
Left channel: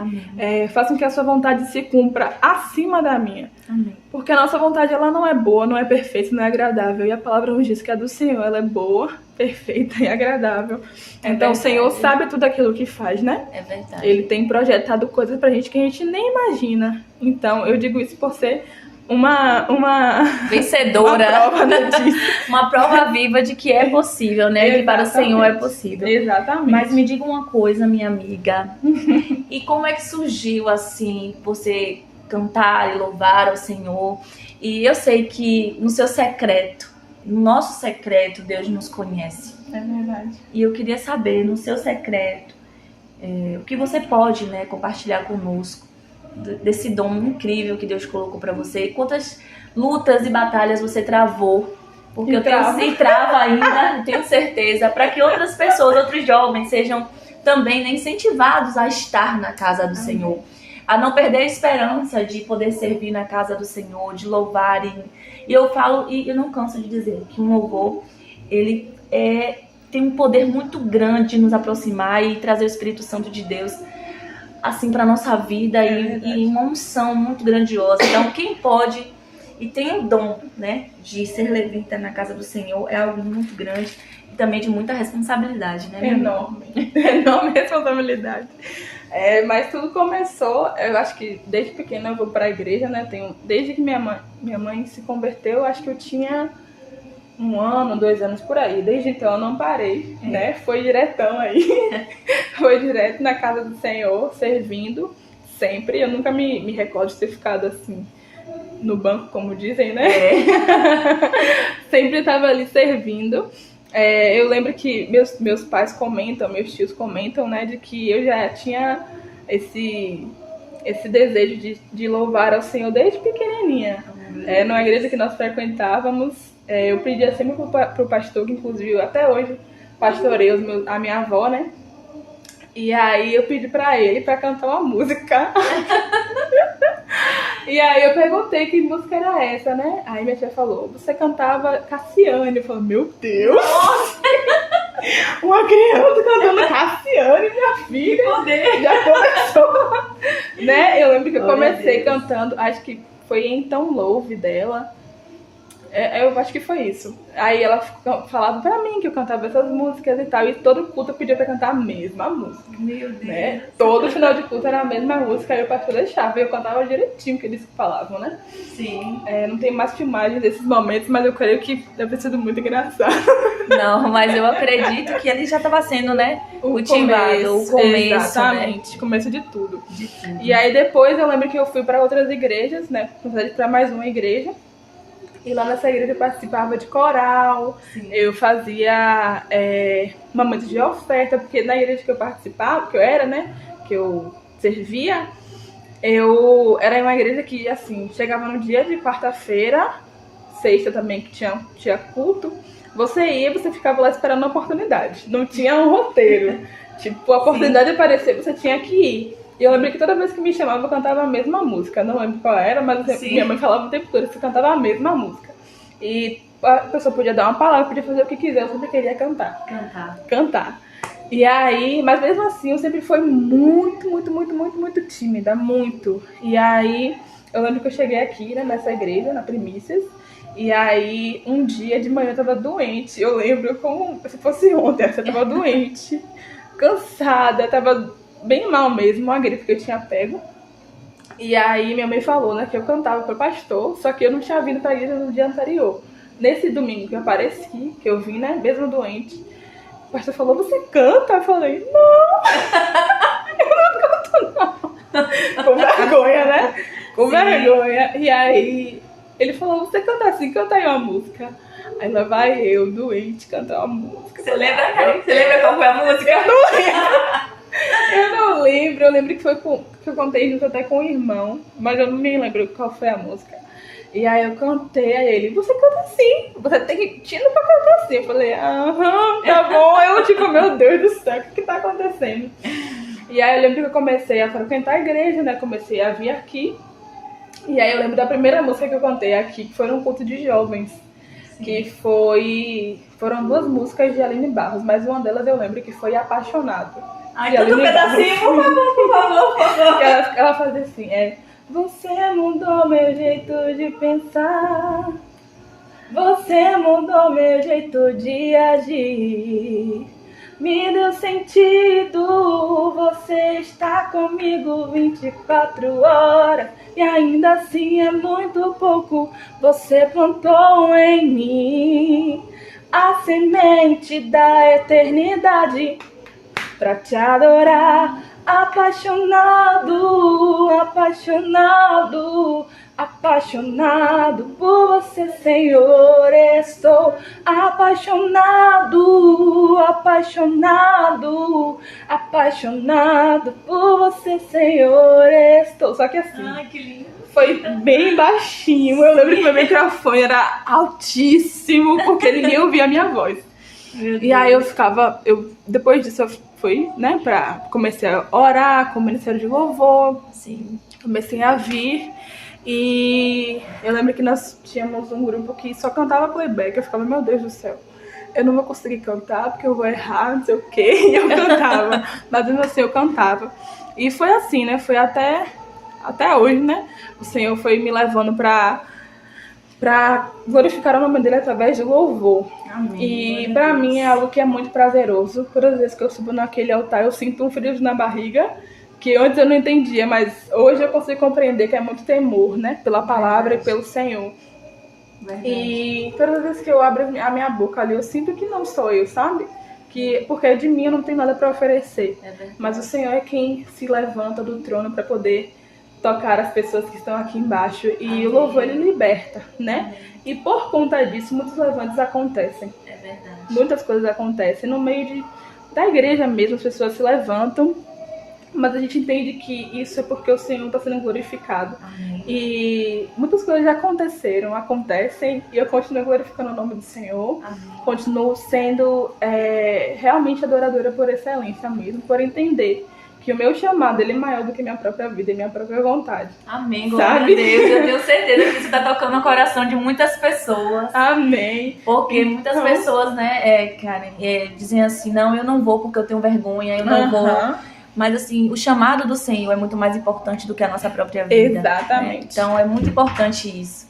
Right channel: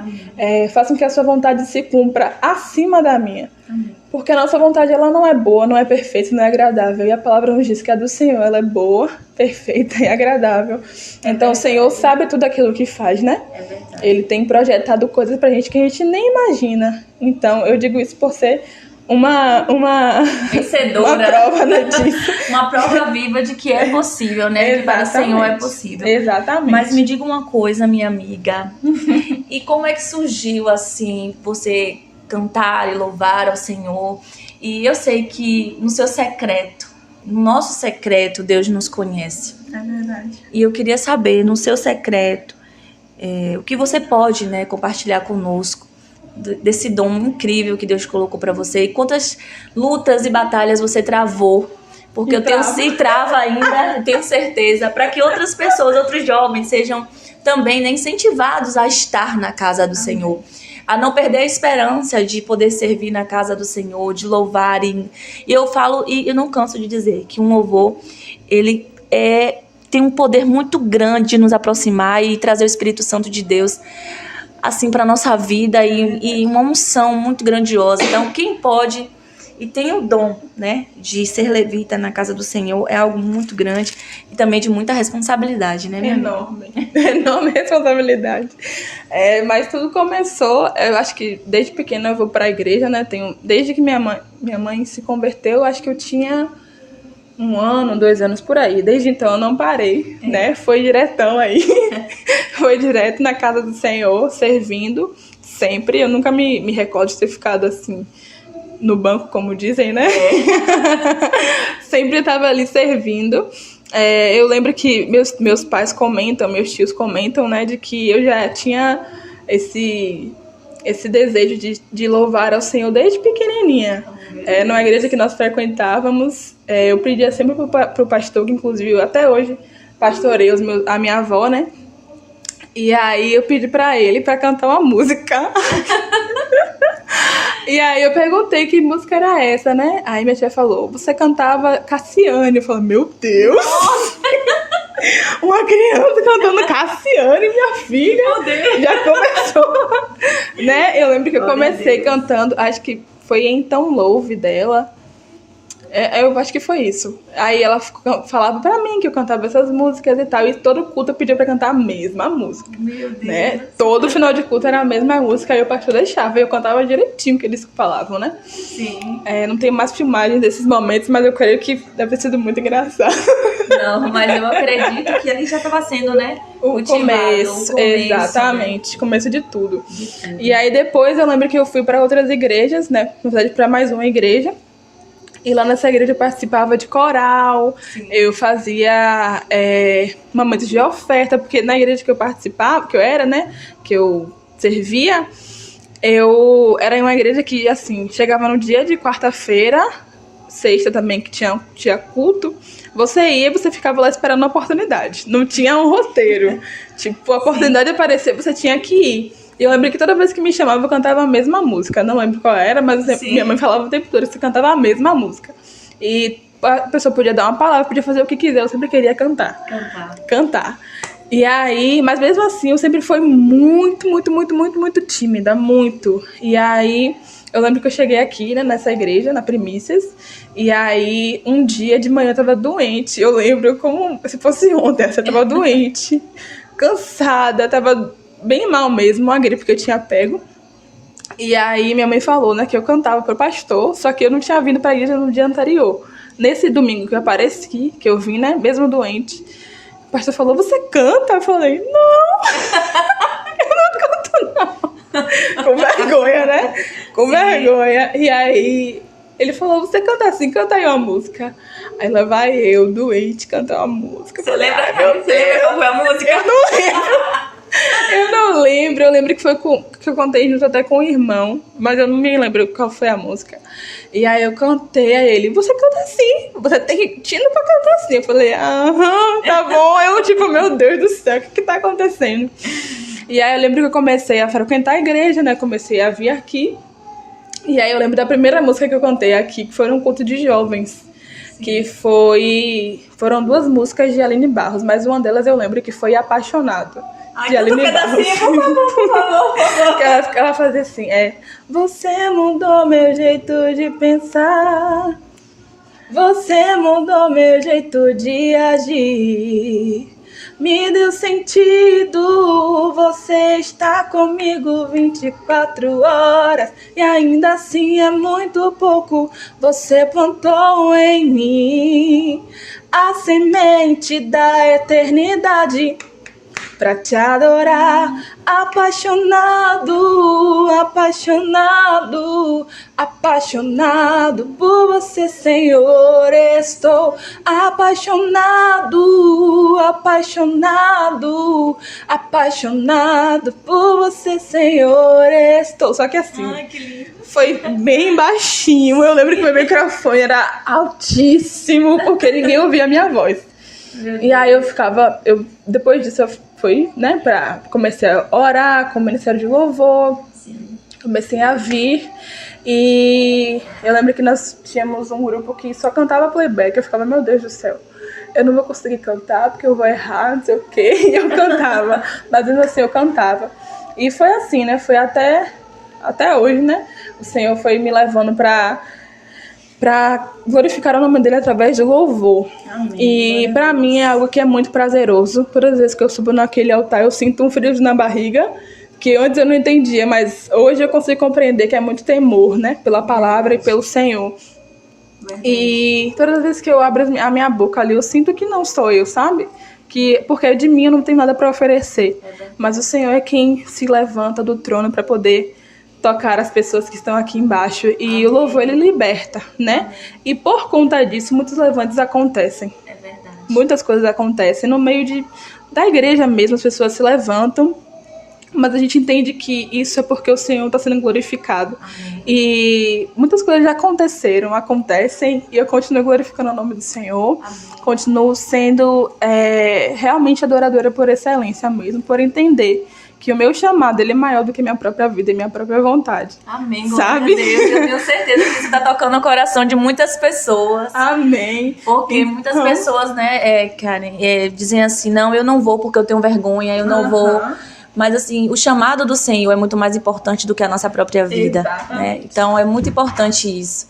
Faça com que a sua vontade se cumpra acima da minha. Amém. Porque a nossa vontade ela não é boa, não é perfeita, não é agradável. E a palavra nos diz que a do Senhor ela é boa, perfeita e agradável. Então o Senhor sabe tudo aquilo que faz, né? É verdade. Ele tem projetado coisas pra gente que a gente nem imagina. Então eu digo isso por ser uma vencedora, uma prova, né, disso. Uma prova viva de que é possível, né? Que para o Senhor é possível. Exatamente. Mas me diga uma coisa, minha amiga. E como é que surgiu, assim, você cantar e louvar ao Senhor? E eu sei que no seu secreto, no nosso secreto, Deus nos conhece. É verdade. E eu queria saber, no seu secreto, o que você pode, né, compartilhar conosco desse dom incrível que Deus colocou para você, e quantas lutas e batalhas você travou porque eu tenho se trava ainda, eu tenho certeza, para que outras pessoas, outros jovens sejam também, né, incentivados a estar na casa do Senhor, a não perder a esperança de poder servir na casa do Senhor, de louvar. E eu falo, e eu não canso de dizer, que um louvor, ele tem um poder muito grande de nos aproximar e trazer o Espírito Santo de Deus assim para nossa vida, e uma unção muito grandiosa. Então, quem pode e tem o dom, né, de ser levita na casa do Senhor é algo muito grande e também de muita responsabilidade, né? Enorme responsabilidade. Mas tudo começou, eu acho que desde pequena eu vou para a igreja, né? Desde que minha mãe se converteu, acho que eu tinha 1 ano, 2 anos por aí. Desde então eu não parei, né? Foi diretão aí. Foi direto na casa do Senhor, servindo sempre. Eu nunca me recordo de ter ficado assim no banco, como dizem, né? Sempre estava ali servindo. Eu lembro que meus pais comentam, meus tios comentam, né, de que eu já tinha esse desejo de louvar ao Senhor desde pequenininha. Na igreja que nós frequentávamos, eu pedia sempre pro pastor, que inclusive eu até hoje pastorei a minha avó, né? E aí eu pedi pra ele pra cantar uma música. E aí eu perguntei que música era essa, né? Aí minha tia falou, você cantava Cassiane. Eu falei, meu Deus! Uma criança cantando Cassiane, minha filha! Já começou! Né? Eu lembro que eu comecei cantando, acho que foi Então Louve dela. Eu acho que foi isso. Aí ela falava pra mim que eu cantava essas músicas e tal. E todo culto eu pedia pra cantar a mesma música. Meu Deus. Né? Todo final de culto era a mesma música. Aí o pastor deixava. E eu cantava direitinho o que eles falavam, né? Sim. Não tem mais filmagens desses momentos, mas eu creio que deve ter sido muito engraçado. Não, mas eu acredito que ele já estava sendo, né? O começo, exatamente. Né? Começo de tudo. E aí depois eu lembro que eu fui pra outras igrejas, né? Na verdade, pra mais uma igreja. E lá nessa igreja eu participava de coral. Sim. Eu fazia momentos de oferta, porque na igreja que eu participava, que eu era, né, que eu servia, era uma igreja que, assim, chegava no dia de quarta-feira, sexta também, que tinha culto, você ia e você ficava lá esperando a oportunidade. Não tinha um roteiro. Tipo, a oportunidade de aparecer, você tinha que ir. E eu lembro que toda vez que me chamava, eu cantava a mesma música. Não lembro qual era, mas minha mãe falava o tempo todo, você cantava a mesma música. E a pessoa podia dar uma palavra, podia fazer o que quiser, eu sempre queria cantar. E aí, mas mesmo assim, eu sempre fui muito, muito, muito, muito, muito tímida, muito. E aí, eu lembro que eu cheguei aqui, né, nessa igreja, na Primícias, e aí, um dia de manhã eu tava doente. Eu lembro como se fosse ontem, eu tava doente, cansada, tava bem mal mesmo, uma gripe que eu tinha pego. E aí minha mãe falou, né, que eu cantava pro pastor, só que eu não tinha vindo pra igreja no dia anterior. Nesse domingo que eu apareci, que eu vim, né, mesmo doente, o pastor falou, você canta? Eu falei, não, eu não canto não. Com vergonha, né? Com vergonha. E aí ele falou, você canta assim, canta aí uma música. Aí lá vai eu, doente, cantar uma música. Você lembra qual foi a música? Eu não lembro. Eu não lembro, eu lembro que foi que eu cantei junto até com o irmão, mas eu não me lembro qual foi a música. E aí eu cantei a ele, você canta assim, você tem tino pra cantar assim. Eu falei, aham, tá bom. Eu tipo, meu Deus do céu, o que tá acontecendo? E aí eu lembro que eu comecei a frequentar a igreja, né, comecei a vir aqui. E aí eu lembro da primeira música que eu cantei aqui, que foi um culto de jovens. Sim. Que foram 2 músicas de Aline Barros, mas uma delas eu lembro que foi Apaixonado. Ai, todo pedacinho, por favor. Ela fazia assim, você mudou meu jeito de pensar, você mudou meu jeito de agir, me deu sentido, você está comigo 24 horas, e ainda assim é muito pouco, você plantou em mim a semente da eternidade. pra te adorar. Apaixonado, apaixonado, apaixonado por você, Senhor, estou. Apaixonado, apaixonado, apaixonado por você, Senhor, estou. Só que assim, Ai, que lindo. foi bem baixinho. Eu lembro que meu microfone era altíssimo, porque ninguém ouvia a minha voz. E aí depois disso eu fui, né, comecei a orar com o Ministério de Louvor. Sim. Comecei a vir e eu lembro que nós tínhamos um grupo que só cantava playback. Eu ficava, meu Deus do céu, eu não vou conseguir cantar porque eu vou errar, não sei o quê. E eu cantava, mas mesmo assim eu cantava. E foi assim, né, foi até hoje, né, o Senhor foi me levando pra glorificar o nome dele através do louvor. Amém. E pra mim é algo que é muito prazeroso. Todas as vezes que eu subo naquele altar, eu sinto um frio na barriga, que antes eu não entendia, mas hoje eu consigo compreender que é muito temor, né? Pela palavra e pelo Senhor. Verdade. E todas as vezes que eu abro a minha boca ali, eu sinto que não sou eu, sabe? Porque de mim eu não tenho nada pra oferecer. Mas o Senhor é quem se levanta do trono pra poder tocar as pessoas que estão aqui embaixo. E Amém. O louvor, ele liberta, né? Amém. E por conta disso, muitos levantes acontecem. É verdade. Muitas coisas acontecem. No meio da igreja mesmo, as pessoas se levantam, mas a gente entende que isso é porque o Senhor está sendo glorificado. Amém. E muitas coisas já acontecem, e eu continuo glorificando o nome do Senhor. Amém. Continuo sendo realmente adoradora por excelência mesmo, por entender que o meu chamado, ele é maior do que minha própria vida e minha própria vontade. Amém, glória a Deus. Eu tenho certeza que você está tocando no coração de muitas pessoas. Amém. Porque muitas pessoas, né, Karen, dizem assim, não, eu não vou porque eu tenho vergonha, eu não vou. Mas assim, o chamado do Senhor é muito mais importante do que a nossa própria vida. Exatamente. Né? Então é muito importante isso.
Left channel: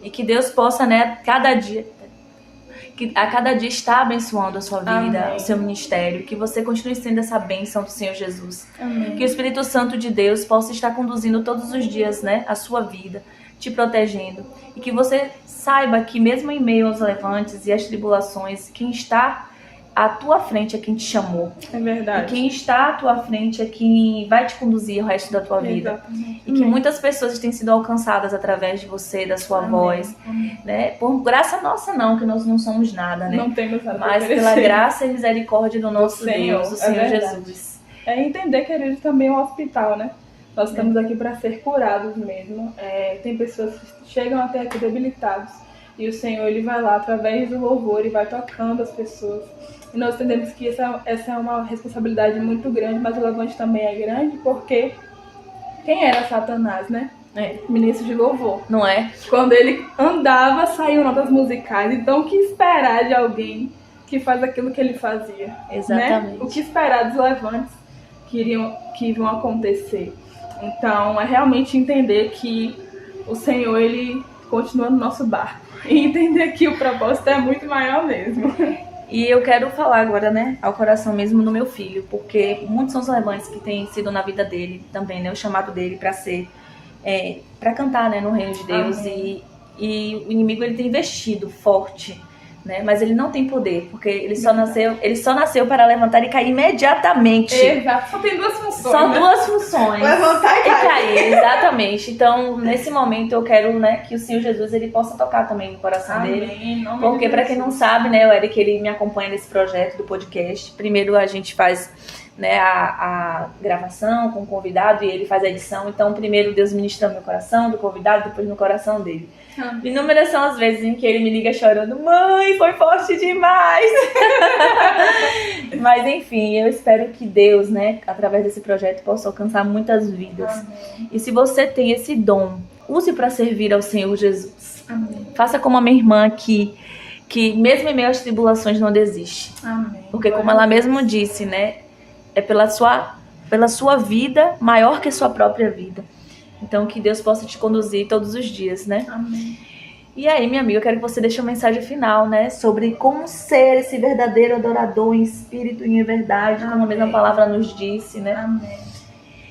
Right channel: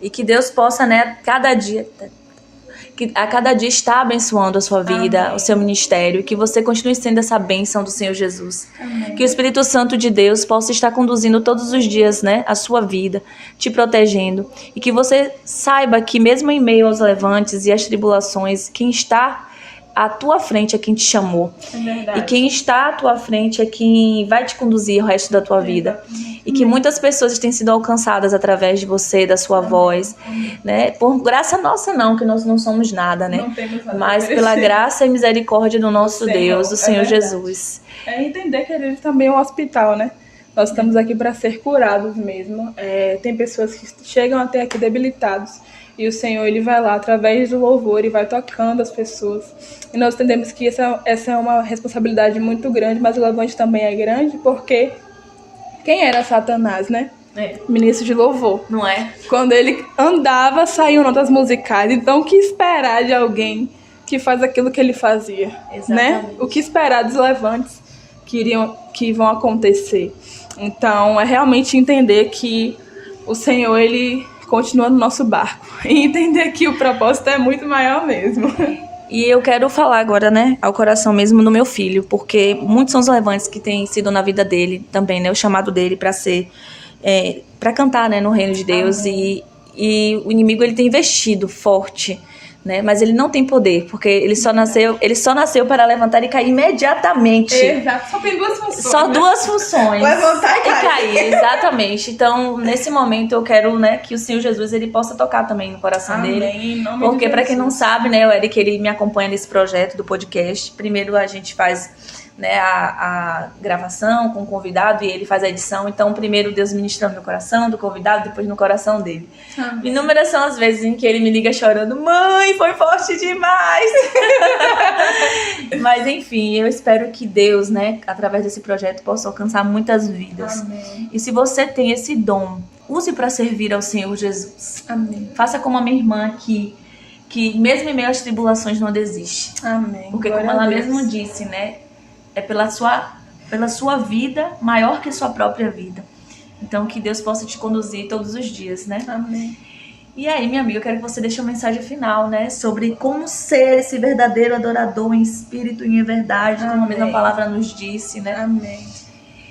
E que Deus possa, né, a cada dia está abençoando a sua vida, Amém. O seu ministério, que você continue sendo essa bênção do Senhor Jesus. Amém. Que o Espírito Santo de Deus possa estar conduzindo todos os dias, né, a sua vida, te protegendo. E que você saiba que mesmo em meio aos levantes e às tribulações, quem está à tua frente é quem te chamou. É verdade. E quem está à tua frente é quem vai te conduzir o resto da tua vida. E que muitas pessoas têm sido alcançadas através de você, da sua voz. Né? Por graça nossa não, que nós não somos nada, né? Não temos nada. Mas pela graça e misericórdia do nosso Deus, do Senhor Jesus. É entender que a gente também é um hospital, né? Nós estamos aqui para ser curados mesmo. Tem pessoas que chegam até aqui debilitados. E o Senhor, ele vai lá, através do louvor, e vai tocando as pessoas. E nós entendemos que essa é uma responsabilidade muito grande, mas o levante também é grande, porque quem era Satanás, né? Ministro de louvor. Não é? Quando ele andava, saíam notas musicais. Então, o que esperar de alguém que faz aquilo que ele fazia? Exatamente. Né? O que esperar dos levantes que vão acontecer? Então, é realmente entender que o Senhor, ele continua no nosso barco. E entender que o propósito é muito maior mesmo. E eu quero falar agora, né, ao coração mesmo do meu filho, porque muitos são os levantes que têm sido na vida dele também, né, o chamado dele para ser, para cantar, né, no reino de Deus. E o inimigo, ele tem investido forte, né, mas ele não tem poder, porque ele só nasceu para levantar e cair imediatamente. Exato, só tem duas funções. Só duas funções. Levantar e cair, exatamente. Então, nesse momento, eu quero, né, que o Senhor Jesus, ele possa tocar também no coração dele. Porque, para quem não sabe, né, o Eric, ele me acompanha nesse projeto do podcast. Primeiro a gente faz, né, a gravação com o convidado e ele faz a edição. Então, primeiro Deus ministra no meu coração, do convidado, depois no coração dele. Inúmeras são as vezes em que ele me liga chorando: mãe, foi forte demais. Mas enfim, eu espero que Deus, né, através desse projeto, possa alcançar muitas vidas. Amém. E se você tem esse dom, use para servir ao Senhor Jesus. Amém. Faça como a minha irmã aqui, que mesmo em meio às tribulações não desiste. Amém. Porque como ela mesmo disse, né, é pela sua vida maior que a sua própria vida. Então, que Deus possa te conduzir todos os dias, né? Amém. E aí, minha amiga, eu quero que você deixe uma mensagem final, né? Sobre como ser esse verdadeiro adorador em espírito e em verdade, Amém. como a mesma palavra nos disse, né? Amém.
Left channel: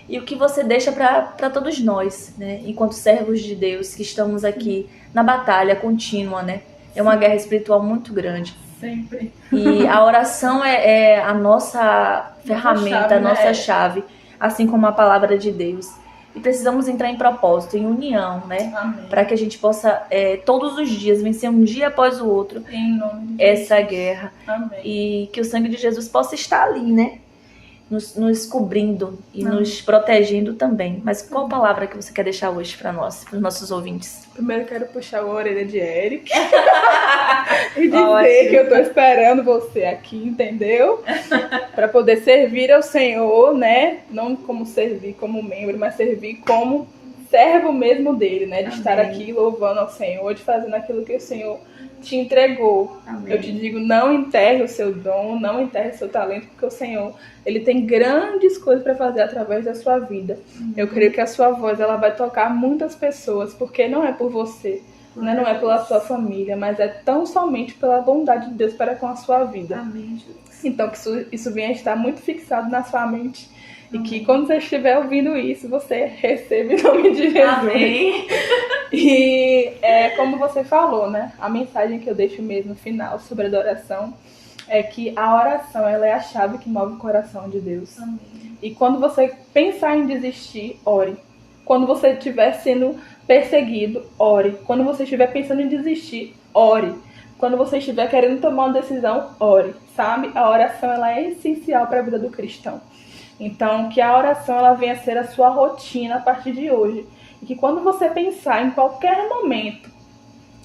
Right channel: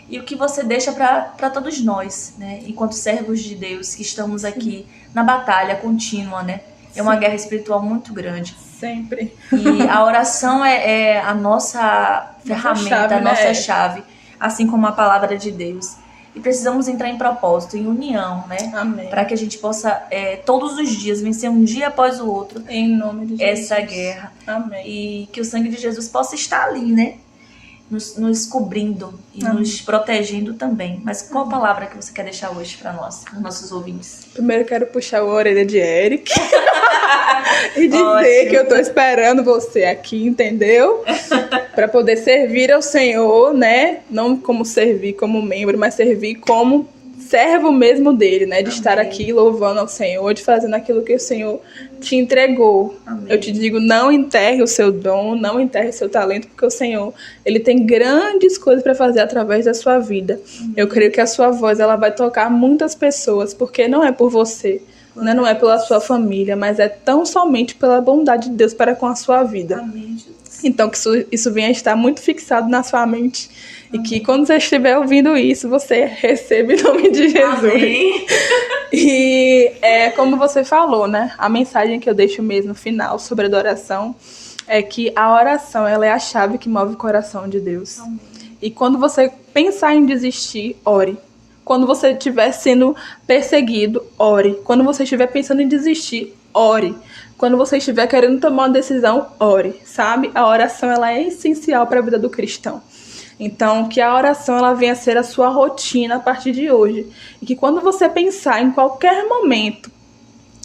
E o que você deixa para todos nós, né? Enquanto servos de Deus, que estamos aqui na batalha contínua, né? É uma guerra espiritual muito grande. Sempre. E a oração é a nossa ferramenta, nossa chave, assim como a palavra de Deus. E precisamos entrar em propósito, em união, né? Amém. Para que a gente possa, todos os dias, vencer um dia após o outro, em nome de Jesus, essa guerra. Amém. E que o sangue de Jesus possa estar ali, né? Nos cobrindo e nos protegendo também. Mas qual palavra que você quer deixar hoje para nós, para os nossos ouvintes? Primeiro eu quero puxar a orelha de Eric e dizer que eu tô esperando você aqui, entendeu? Para poder servir ao Senhor, né? Não como servir como membro, mas servir como servo mesmo dele, né? De estar aqui louvando ao Senhor, de fazendo aquilo que o Senhor te entregou. Amém. Eu te digo, não enterre o seu dom, não enterre o seu talento, porque o Senhor, ele tem grandes coisas para fazer através da sua vida. Eu creio que a sua voz, ela vai tocar muitas pessoas, porque não é por você, né? Não é pela sua família, mas é tão somente pela bondade de Deus para com a sua vida. Amém, Jesus. Então, que isso venha estar muito fixado na sua mente. E que quando você estiver ouvindo isso, você receba em nome de Jesus. Amém. E como você falou, né? A mensagem que eu deixo mesmo no final sobre adoração é que a oração, ela é a chave que move o coração de Deus. Amém. E quando você pensar em desistir, ore. Quando você estiver sendo perseguido, ore. Quando você estiver pensando em desistir, ore. Quando você estiver querendo tomar uma decisão, ore. Sabe? A oração, ela é essencial para a vida do cristão. Então, que a oração ela venha a ser a sua rotina a partir de hoje. E que quando você pensar em qualquer momento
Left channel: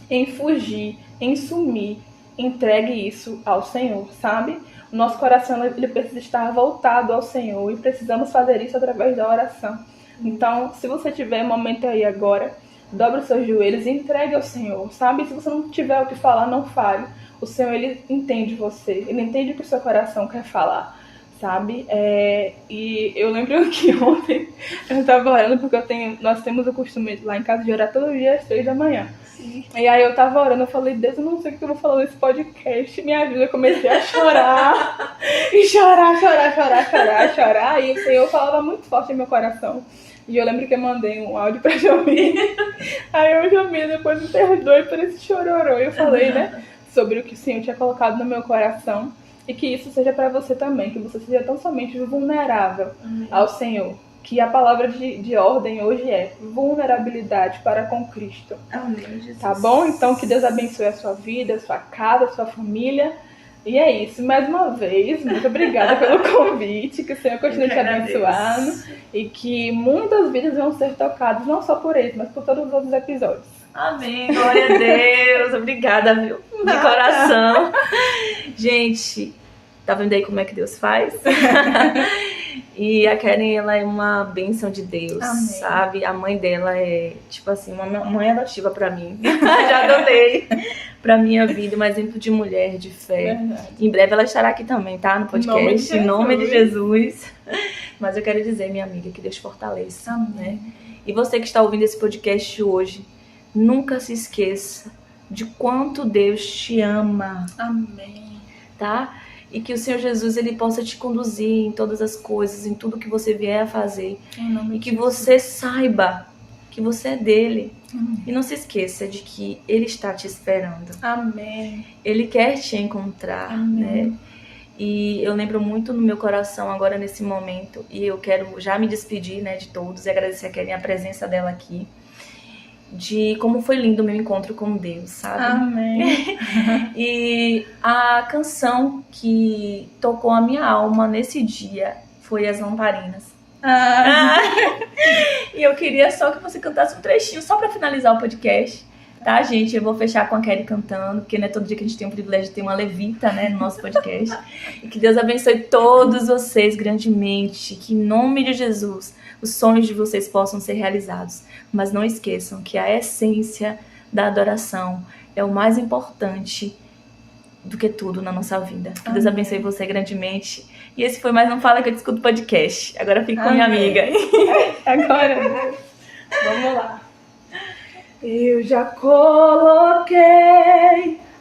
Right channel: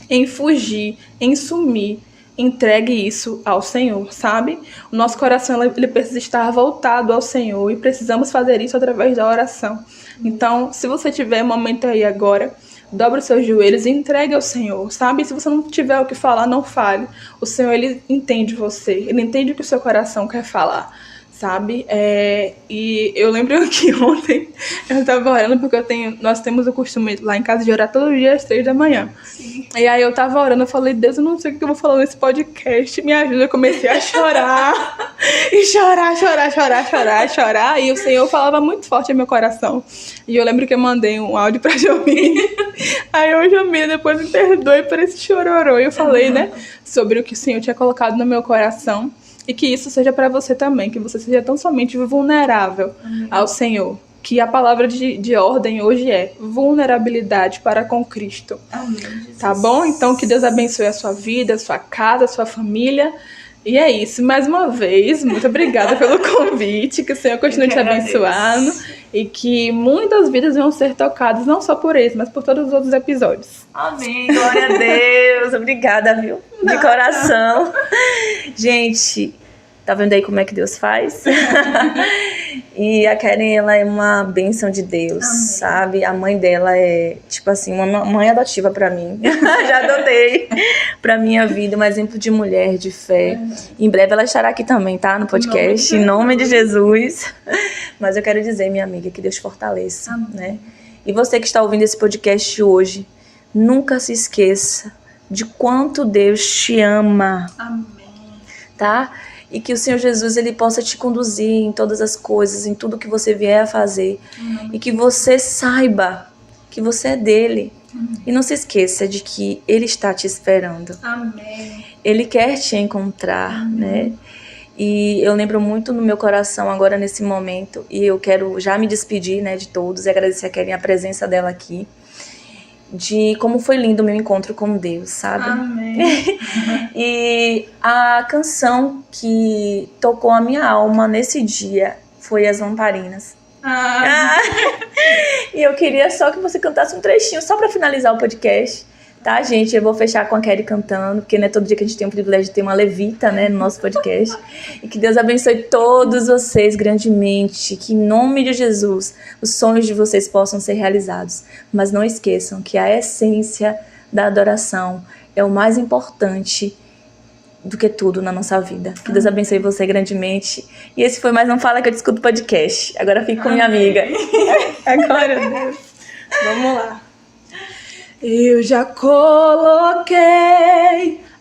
em fugir, em sumir, entregue isso ao Senhor, sabe? O nosso coração ele precisa estar voltado ao Senhor e precisamos fazer isso através da oração. Então, se você tiver um momento aí agora, dobre os seus joelhos e entregue ao Senhor, sabe? Se você não tiver o que falar, não fale. O Senhor, ele entende você, ele entende o que o seu coração quer falar. Sabe? E eu lembro que ontem eu tava orando, porque nós temos o costume lá em casa de orar todo dia às 3 da manhã. Sim. E aí eu tava orando, eu falei, Deus, eu não sei o que eu vou falar nesse podcast, me ajuda. Eu comecei a chorar, e chorar. E o Senhor falava muito forte no meu coração. E eu lembro que eu mandei um áudio pra Jomir. Aí eu, Jomir, depois me perdoe por esse chororô. E eu falei, né, sobre o que o Senhor tinha colocado no meu coração. E que isso seja para você também, que você seja tão somente vulnerável ao Senhor. Que a palavra de ordem hoje é vulnerabilidade para com Cristo. Amém, Jesus. Tá bom? Então que Deus abençoe a sua vida, a sua casa, a sua família. E é isso. Mais uma vez, muito obrigada pelo convite. Que o Senhor continue te abençoando. E que muitas vidas vão ser tocadas, não só por esse, mas por todos os outros episódios. Amém. Glória a Deus. Obrigada, viu? De coração. Gente, tá vendo aí como é que Deus faz? E a Karen, ela é uma bênção de Deus, amém, sabe? A mãe dela é, tipo assim, uma mãe adotiva pra mim. Já adotei pra minha vida, um exemplo de mulher, de fé. Verdade. Em breve ela estará aqui também, tá? No podcast, em nome de Jesus. Mas eu quero dizer, minha amiga, que Deus fortaleça, né? E você que está ouvindo esse podcast hoje, nunca se esqueça de quanto Deus te ama. Amém. Tá? E que o Senhor Jesus, ele possa te conduzir em todas as coisas, em tudo que você vier a fazer. E que você saiba que você é dele. E não se esqueça de que ele está te esperando. Amém. Ele quer te encontrar, né? E eu lembro muito no meu coração agora nesse momento, e eu quero já me despedir, né, de todos e agradecer a Karen a presença dela aqui, de como foi lindo o meu encontro com Deus, sabe? Amém. E a canção que tocou a minha alma nesse dia foi As Lamparinas. E eu queria só que você cantasse um trechinho, só pra finalizar o podcast. Tá, gente? Eu vou fechar com a Kelly cantando, porque não é todo dia que a gente tem o privilégio de ter uma levita, né, no nosso podcast. E que Deus abençoe todos vocês grandemente. Que em nome de Jesus, os sonhos de vocês possam ser realizados. Mas não esqueçam que a essência da adoração é o mais importante do que tudo na nossa vida. Que Deus abençoe você grandemente. E esse foi mais um Fala Que Eu Discuto podcast. Agora fico com minha amiga. Agora, Deus. Vamos lá. Eu já coloquei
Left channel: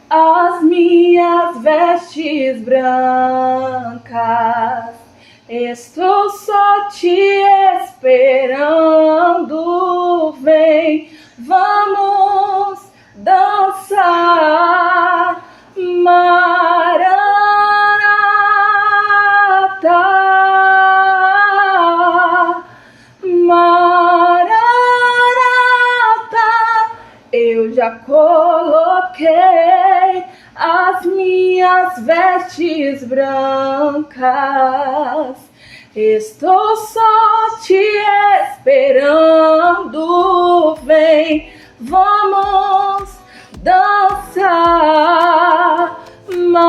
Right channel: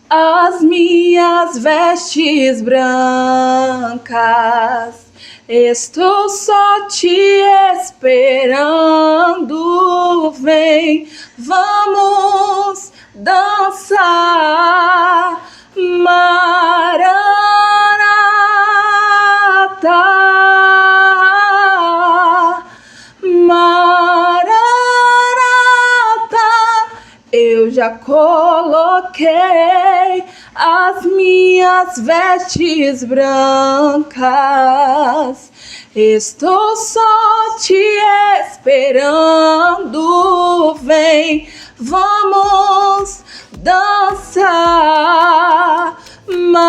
as minhas vestes brancas, estou só te esperando, vem, vamos dançar, Maranata. já coloquei as minhas vestes brancas. Estou só te esperando, vem, vamos dançar. Maranata.